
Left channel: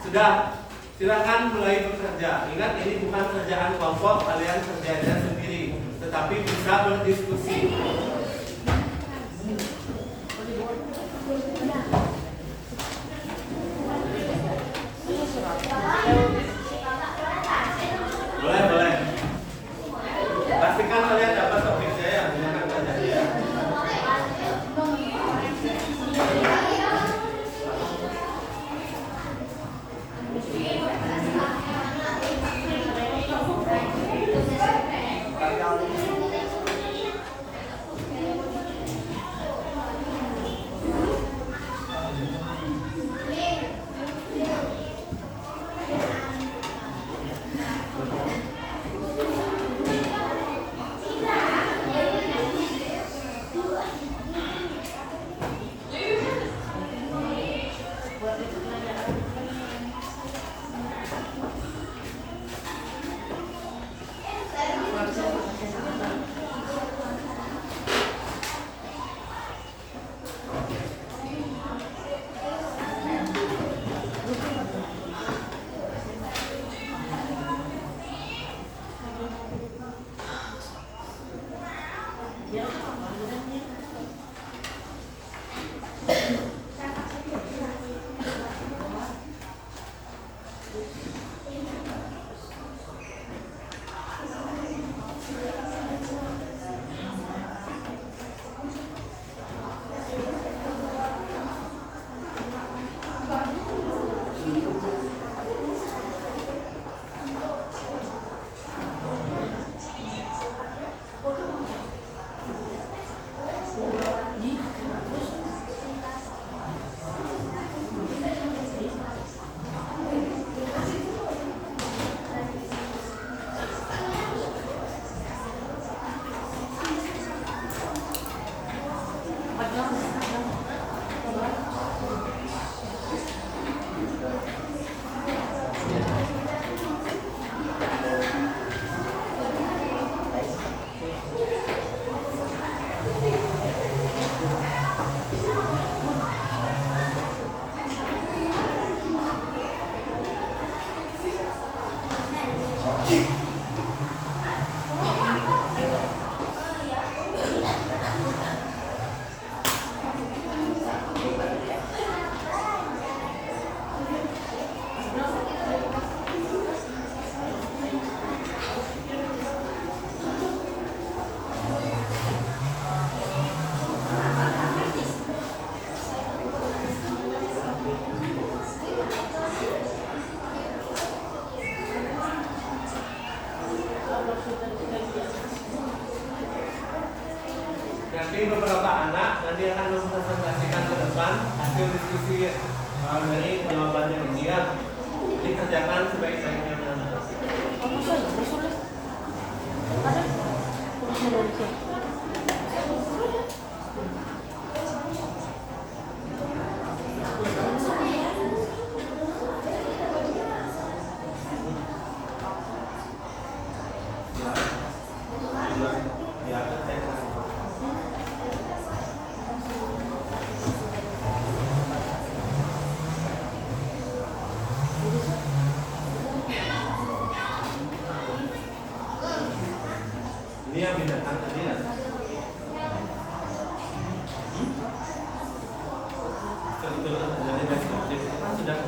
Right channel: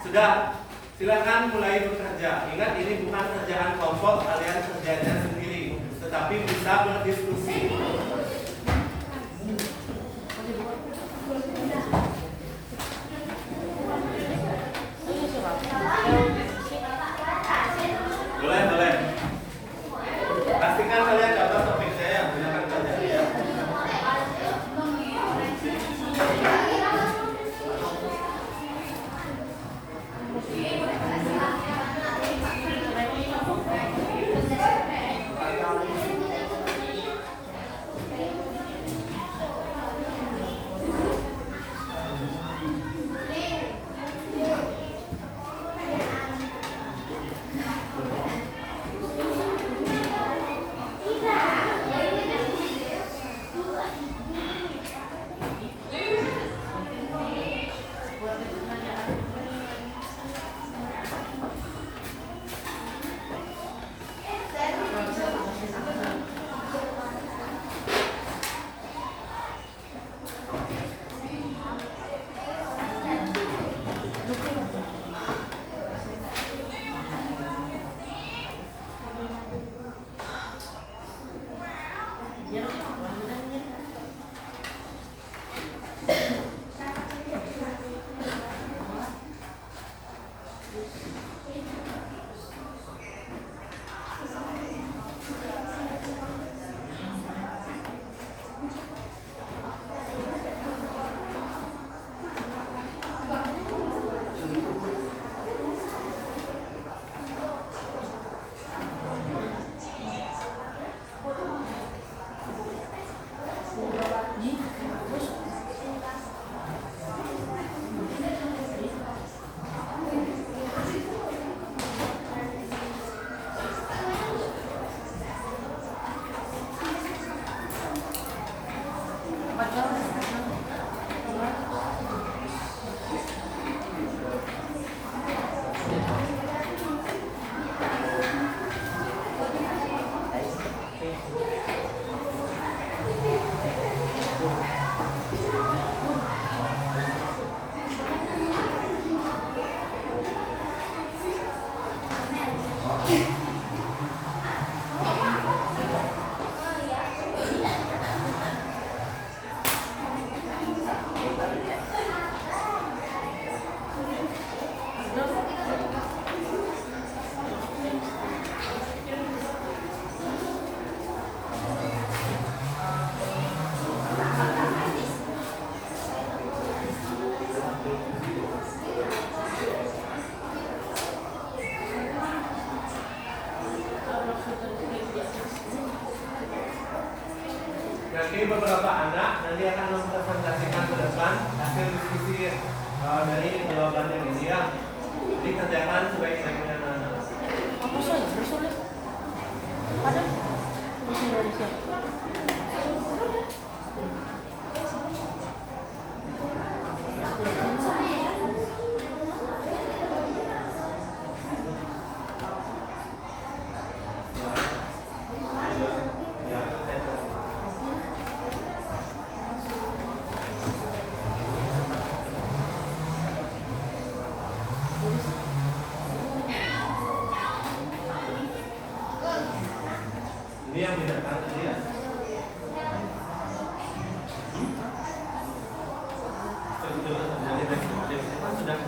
Sudah. Silakan mulai bekerja. Ingat ini bukan kerjaan kelompok, kalian kerjanya sendiri, tetapi bisa berdiskusi. Boleh. Pastikan kalian dapat topiknya yang banyak kerja ya. Nanti beberapa anak nanti akan mempresentasikan ke depan hasil diskusi dari jawabannya ini ya. Dikerjakan sebaik-baiknya anak. Ini yang bedakan tadi ya. Sudah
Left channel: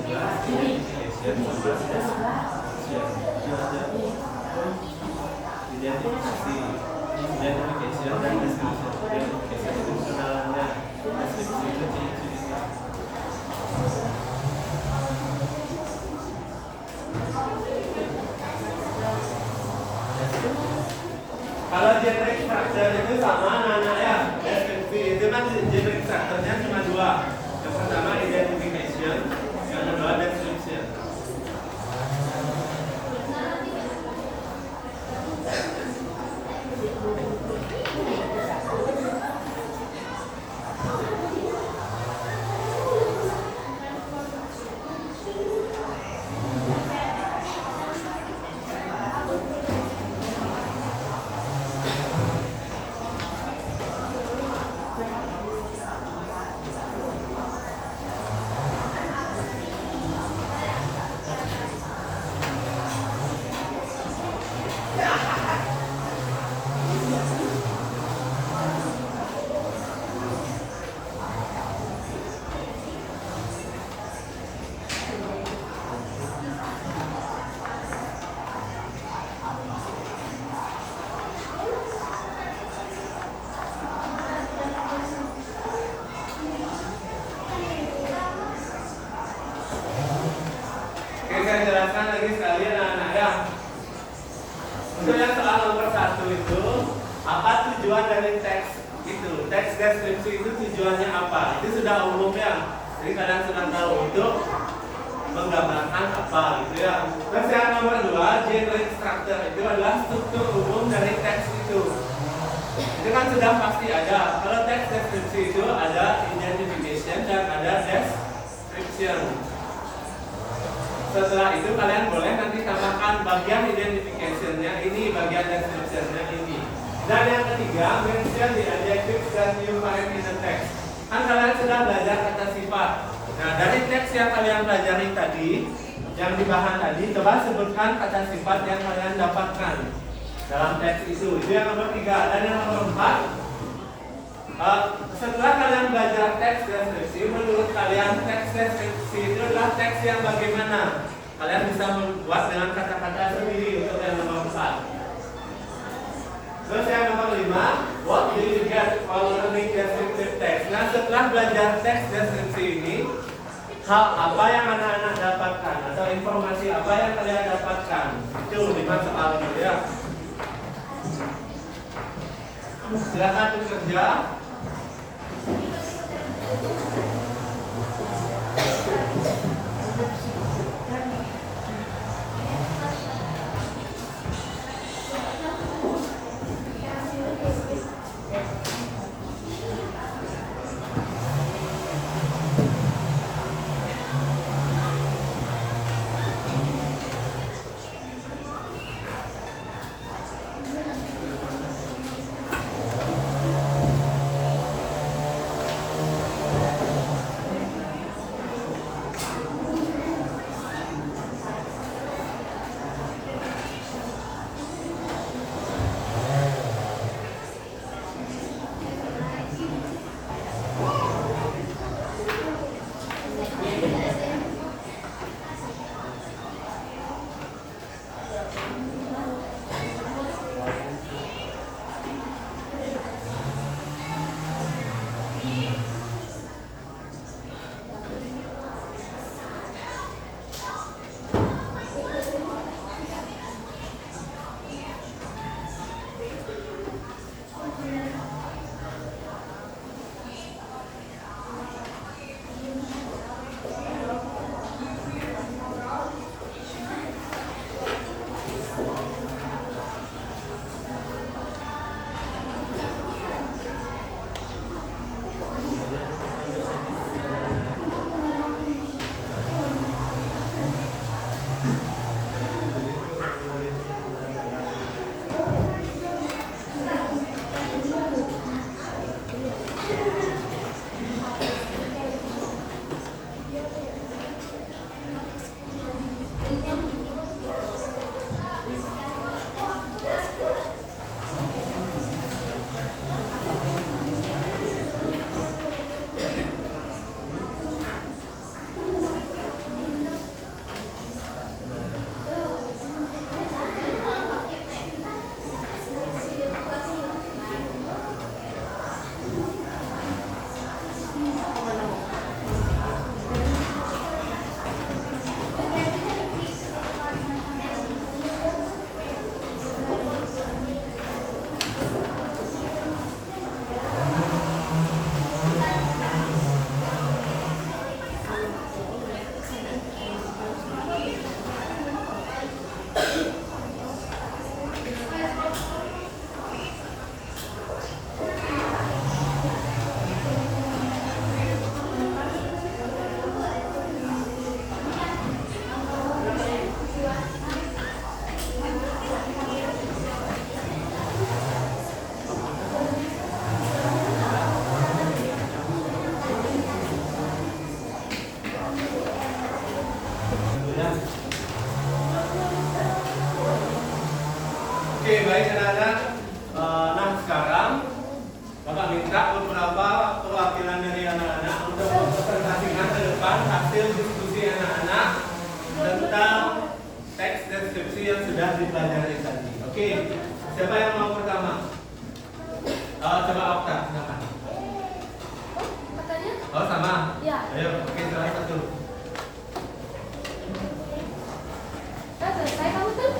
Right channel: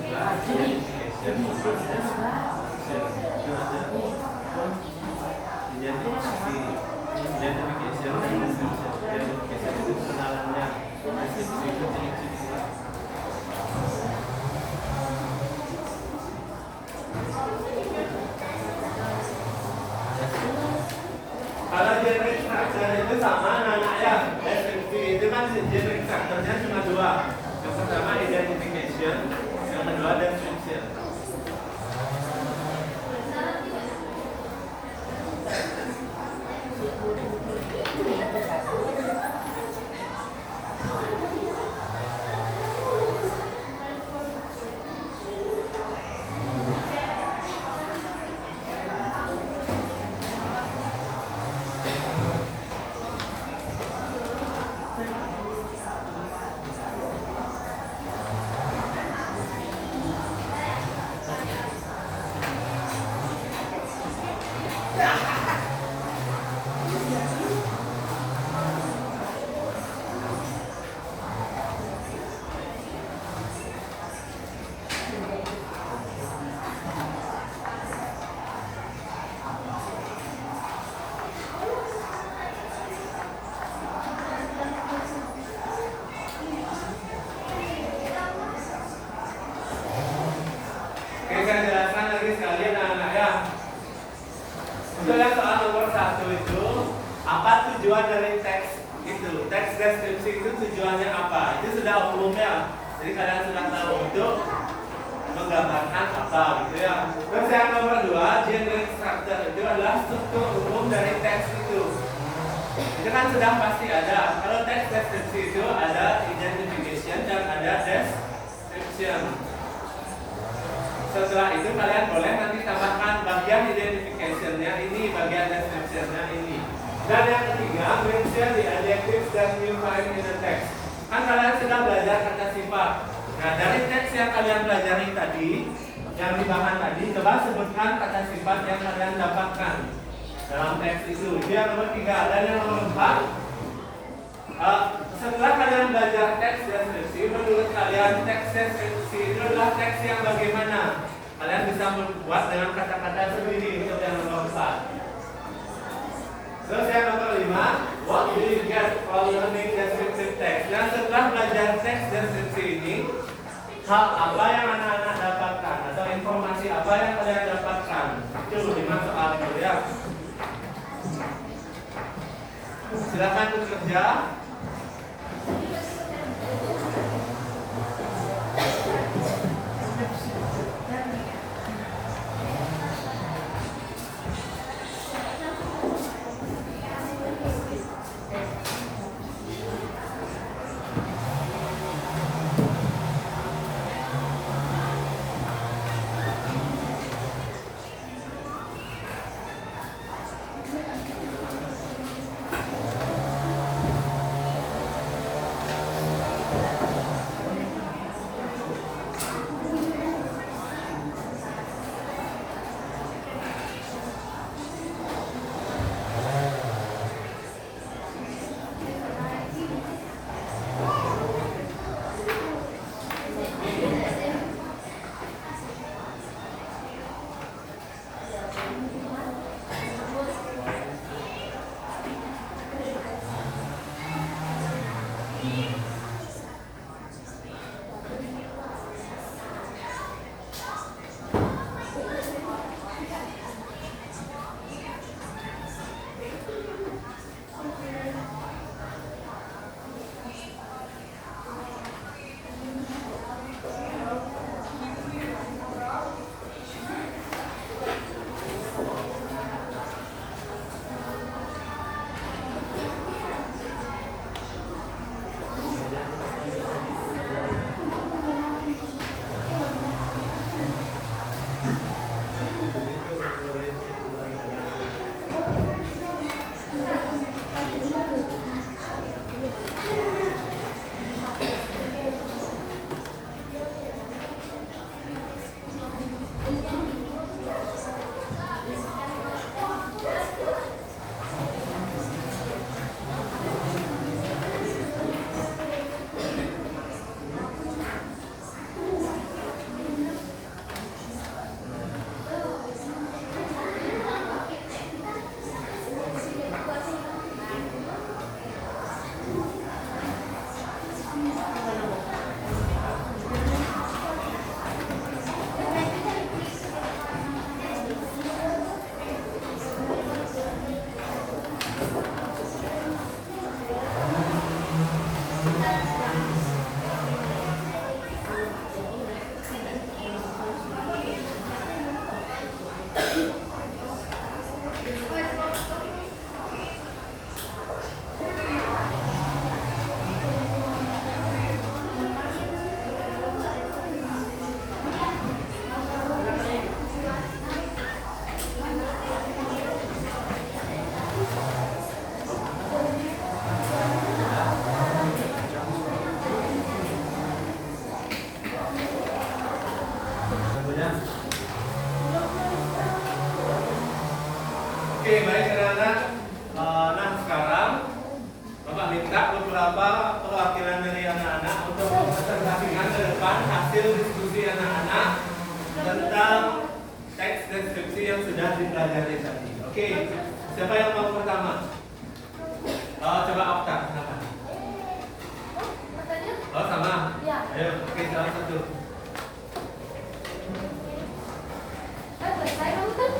kalau generic structure itu sama anak-anak ya. Deskripsi itu kan generic structure-nya cuma dua. Yang pertama identification, yang kedua description. Misalnya soal nomor 1 itu, apa tujuan dari teks itu? Teks deskripsi itu tujuannya apa? Itu sudah umum ya. Jadi kalian sudah tahu itu menggambarkan apa gitu ya. Terus yang nomor 2, generic structure itu adalah struktur umum dari teks itu. Itu kan sudah pasti ada. Kalau teks deskripsi itu ada identification dan ada description. Setelah itu kalian boleh nanti tambahkan bagian identification-nya ini, bagian description-nya ini. Dan yang ketiga, mention the adjectives that you find in the text. Kan kalian sudah belajar kata sifat. Nah, dari teks yang kalian pelajari tadi, yang dibahas tadi, coba sebutkan kata sifat yang kalian dapatkan dalam teks itu. Itu yang nomor 3. Dan yang nomor 4, setelah kalian belajar teks deskripsi, menurut kalian teks deskripsi itu adalah teks yang bagaimana? Kalian bisa membuat dengan kata-kata sendiri untuk yang nomor 4. Terus yang nomor 5, what do you get from learning descriptive text? Nah, setelah belajar teks deskripsi ini, hal apa yang anak-anak dapatkan atau informasi apa yang kalian dapatkan? Itu 5 soal itu ya. Silakan bekerja. Oke, baik anak-anak. Nah sekarang Bapak minta beberapa perwakilan dari anak-anak untuk mempresentasikan ke depan hasil diskusi anak-anak tentang teks deskripsi yang sudah dipelajari tadi. Oke, siapa yang mau pertama? Coba Okta, silakan. Oh sama? Ya. Ayo, oke salah satu. Kan selesai kamu kan?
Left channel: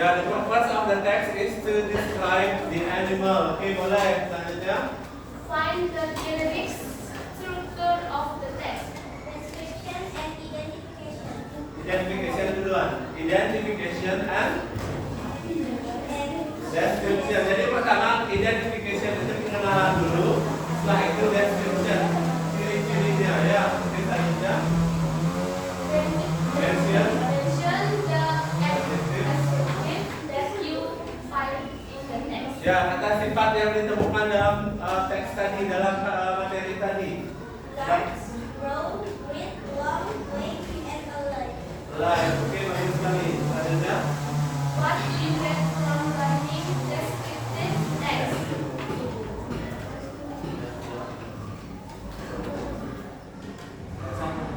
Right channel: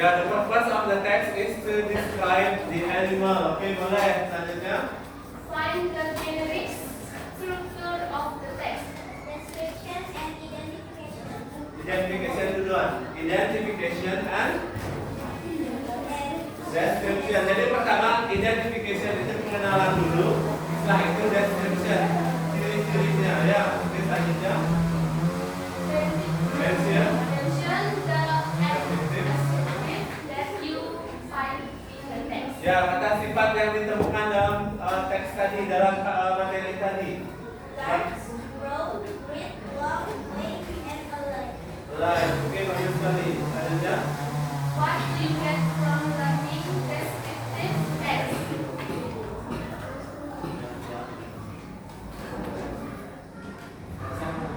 Ya, the purpose of the text is to describe the animal. Oke, boleh. Selanjutnya. Find the generic structure of the text. Description and identification. Identification duluan. Identification and description. Jadi pertama identification itu pengenalan dulu. Setelah itu description. Ciri-cirinya ya. Ini selanjutnya. Mention. Mention the adjective that you find in the text. Ya, kata sifat yang ditemukan dalam teks tadi, dalam materi tadi. Large, broad, with, long, blank, and alive. Live. Oke, bagus sekali. Selanjutnya. What do you get from learning descriptive text?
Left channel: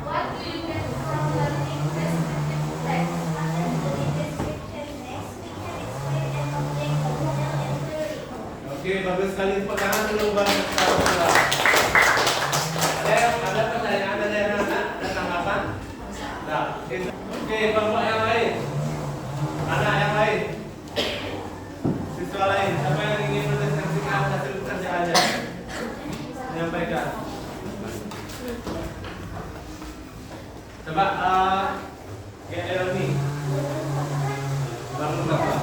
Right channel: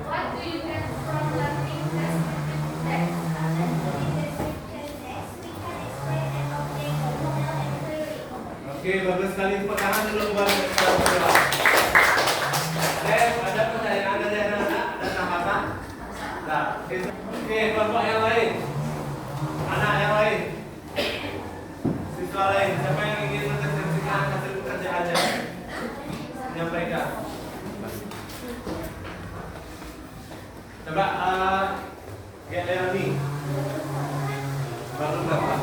What do you get from learning descriptive text? After studying description text, we can explain and obtain the model and theory. Oke, bagus sekali. Pegangan dulu buat kita semua. Ada pertanyaan dari anak-anak? Ada tanggapan? Nah, oke, kelompok yang lain. Anak yang lain. Siswa lain. Siapa yang ingin mendeskripsikan hasil pekerjaannya? Menyampaikan. Coba, Leoni. Baru berapa?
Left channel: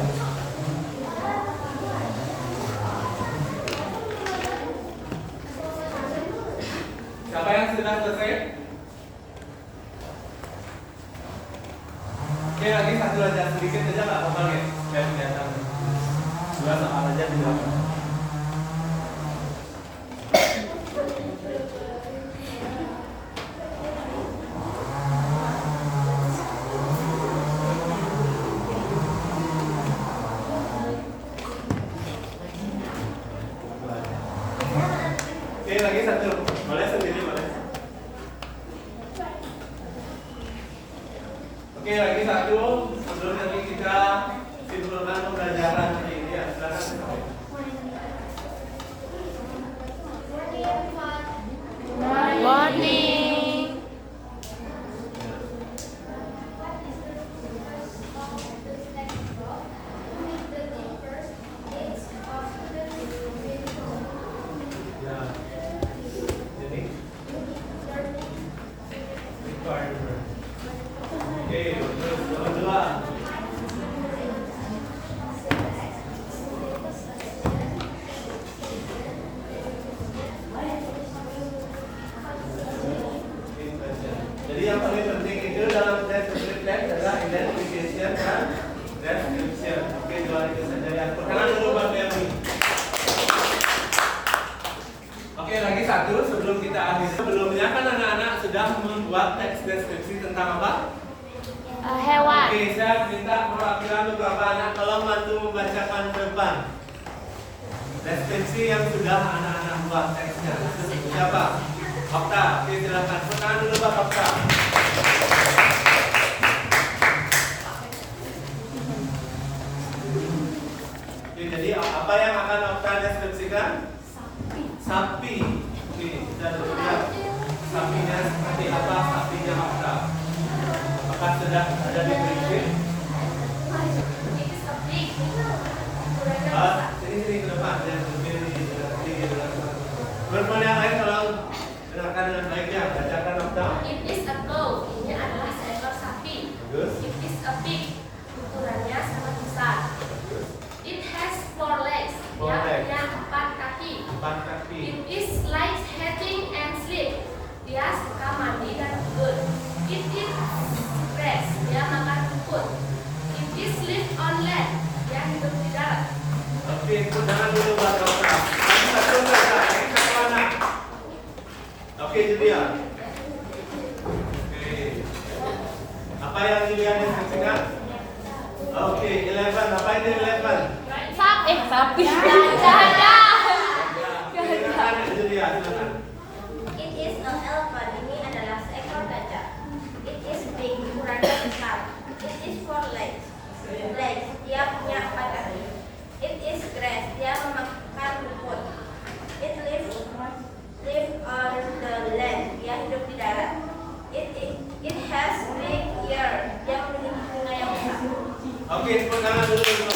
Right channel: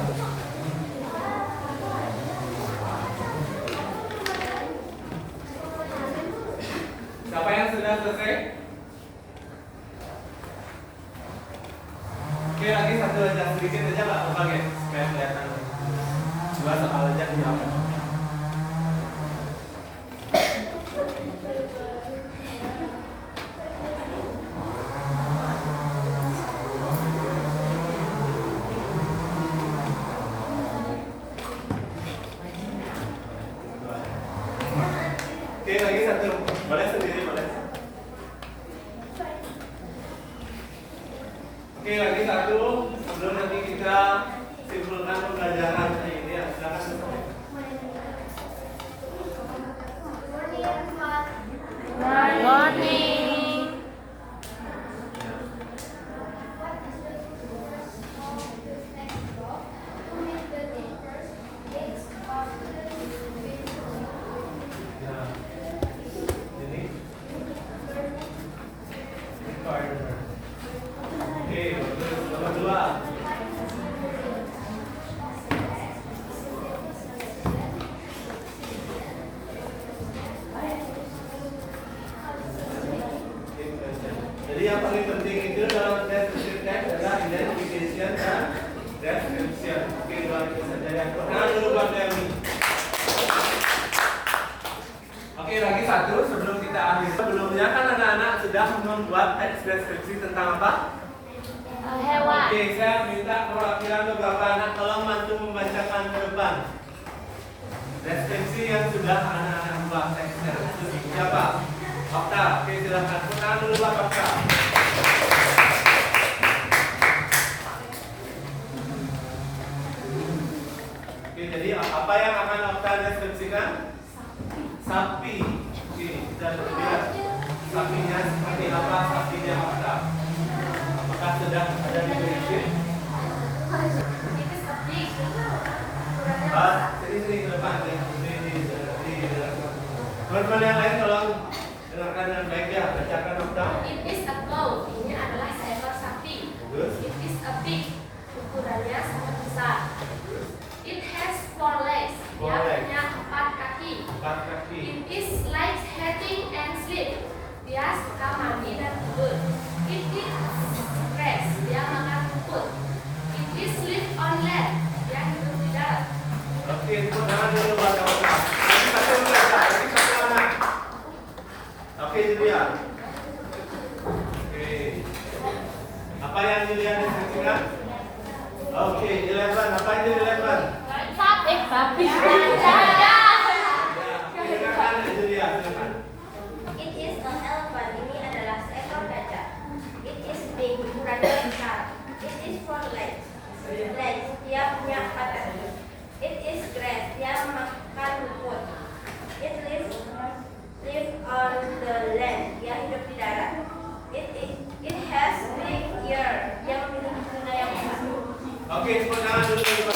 Siapa yang sudah selesai? Oke, lagi satu aja, sedikit aja nggak apa-apa ya, supaya kelihatan. Dua soal aja di belakang. Oke, lagi satu. Boleh sendiri, boleh. Oke, lagi satu. Sebelum nanti kita simpulkan pembelajaran ini ya, silakan. Morning, everyone. Morning. What is the purpose of the textbook? To make the teachers teach of students with Ya. Jadi, learning. partner. Oke, terus nomor dua. Jadi yang paling penting itu dalam description text adalah identification dan description. Oke, dua itu saja yang pertama dulu Bang Demi. Oke, lagi satu sebelum kita akhiri. Sebelumnya kan anak-anak sudah membuat teks deskripsi tentang apa? Hewan. Oke, saya minta perwakilan beberapa anak tolong bantu membacakan ke depan. Deskripsi yang sudah anak-anak buat teksnya. Siapa? Okta. Oke, silakan. Perkenalkan dulu Pak Okta. Oke, jadi apa yang akan Okta deskripsikan? Sapi. Oke, sudah terlihat. Sapinya seperti apa? Sapinya Okta. Apakah sudah ada di briefing? It is a big. Ukurannya besar. Sini ke depan dan teman-teman yang lain tolong dengarkan dengan baik ya, bacakan Okta. It is a cow. Ini adalah seekor sapi. Bagus. It is a pig. Ukurannya sangat besar. It has 4 legs. Four Dia legs. punya 4 kaki. 4 kaki. It is likes eating and sleep. Dia suka mandi dan tidur. It eats grass. Dia makan rumput. It is live on land. Dia hidup di darat. Oke, tepuk tangan dulu buat Okta. Lagi satu saja, lagi satu anak. Oke, Julian. Oke. Apa yang Julian deskripsikan? Oke, 11. Apa itu 11? Sapi. Gajah. Silakan Julian, silakan. It is an elephant. Ini adalah seekor gajah. It is big. Ukurannya besar. It is 4 legs. Legs. Dia punya 4 kaki. It is grass. Dia memakan rumput. It live on the land. Dia hidup di darat. It has big ear. Dia memiliki telinga yang besar. Oke, tepuk tangan dulu untuk Ibu.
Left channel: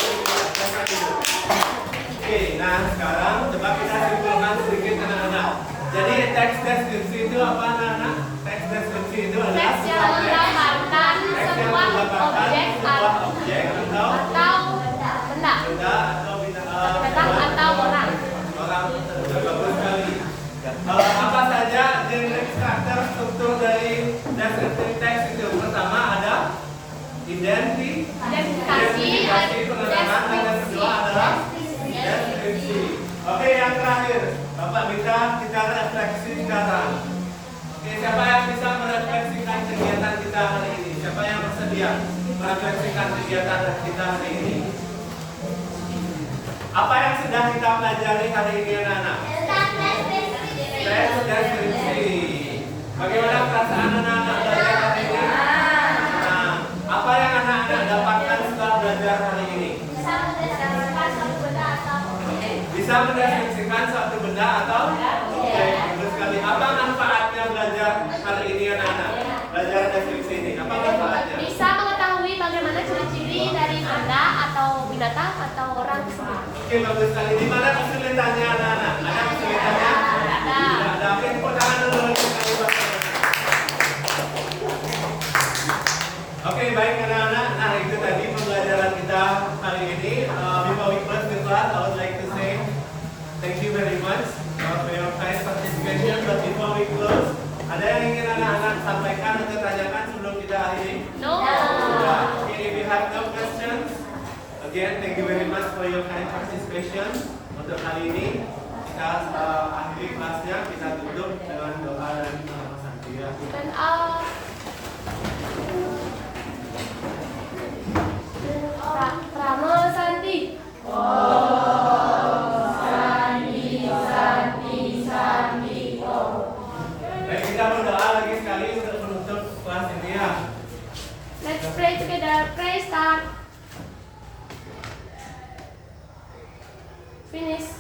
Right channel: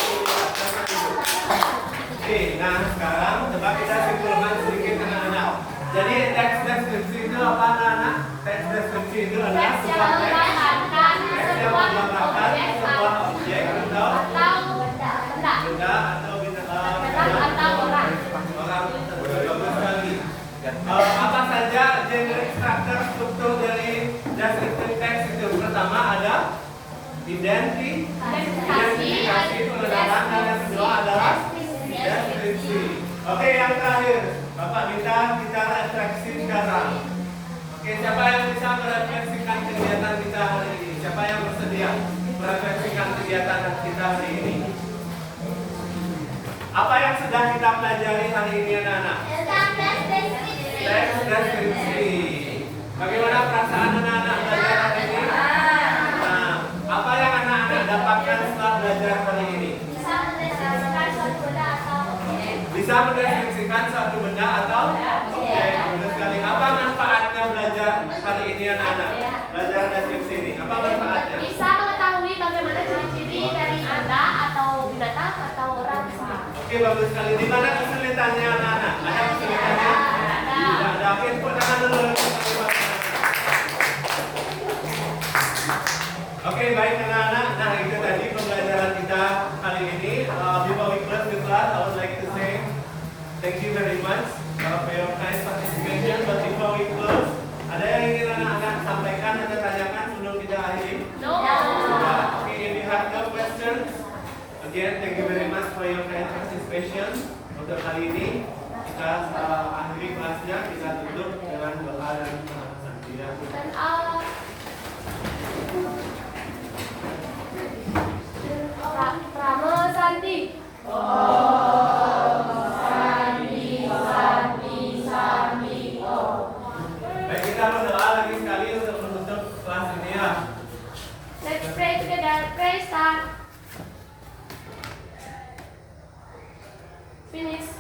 Oke, nah sekarang coba kita simpulkan sedikit anak-anak. Jadi teks deskripsi itu apa anak-anak? Teks deskripsi itu adalah Teks yang menerangkan sebuah objek atau benda atau orang. Bagus sekali. Apa saja generic structure struktur dari descriptive text itu? Pertama ada identifikasi pengenalan, dan yang kedua adalah deskripsi. Oke, yang terakhir, Bapak minta kita refleksi sekarang. Oke, siapa yang bisa merefleksikan kegiatan kita hari ini? Siapa yang bersedia merefleksikan kegiatan kita hari ini? Apa yang sedang kita pelajari hari ini, anak-anak? Teks deskripsi. Bagaimana perasaan anak-anak belajar hari ini? Nah, apa yang anak-anak dapatkan setelah belajar hari ini? Bisa mendeskripsikan suatu benda atau objek. Benar sekali. Apa manfaatnya belajar hari ini, anak-anak? Belajar deskripsi ini. Apa manfaatnya? Bisa mengetahui bagaimana ciri-ciri dari benda atau binatang atau orang. Oke, bagus sekali. Di mana kesulitannya, anak-anak? Ada kesulitannya? Tidak ada. Oke, tepuk tangan dulu. Oke, baik anak-anak. Nah, itu tadi pembelajaran kita hari ini. Before we close the class, I would like to say thank you very much for your kind participation. But before we close, ada yang ingin anak-anak sampaikan atau tanyakan sebelum kita akhiri? No. Okay, if you have no questions, again, thank you very much for your kind participation. Untuk kali ini, kita akhiri kelasnya, kita tutup dengan doa dan pesan. Ya. Dan Ramo Santi. Baik, kita berdoa lagi sekali untuk menutup kelas ini ya. Let's pray together. Pray start. Finish.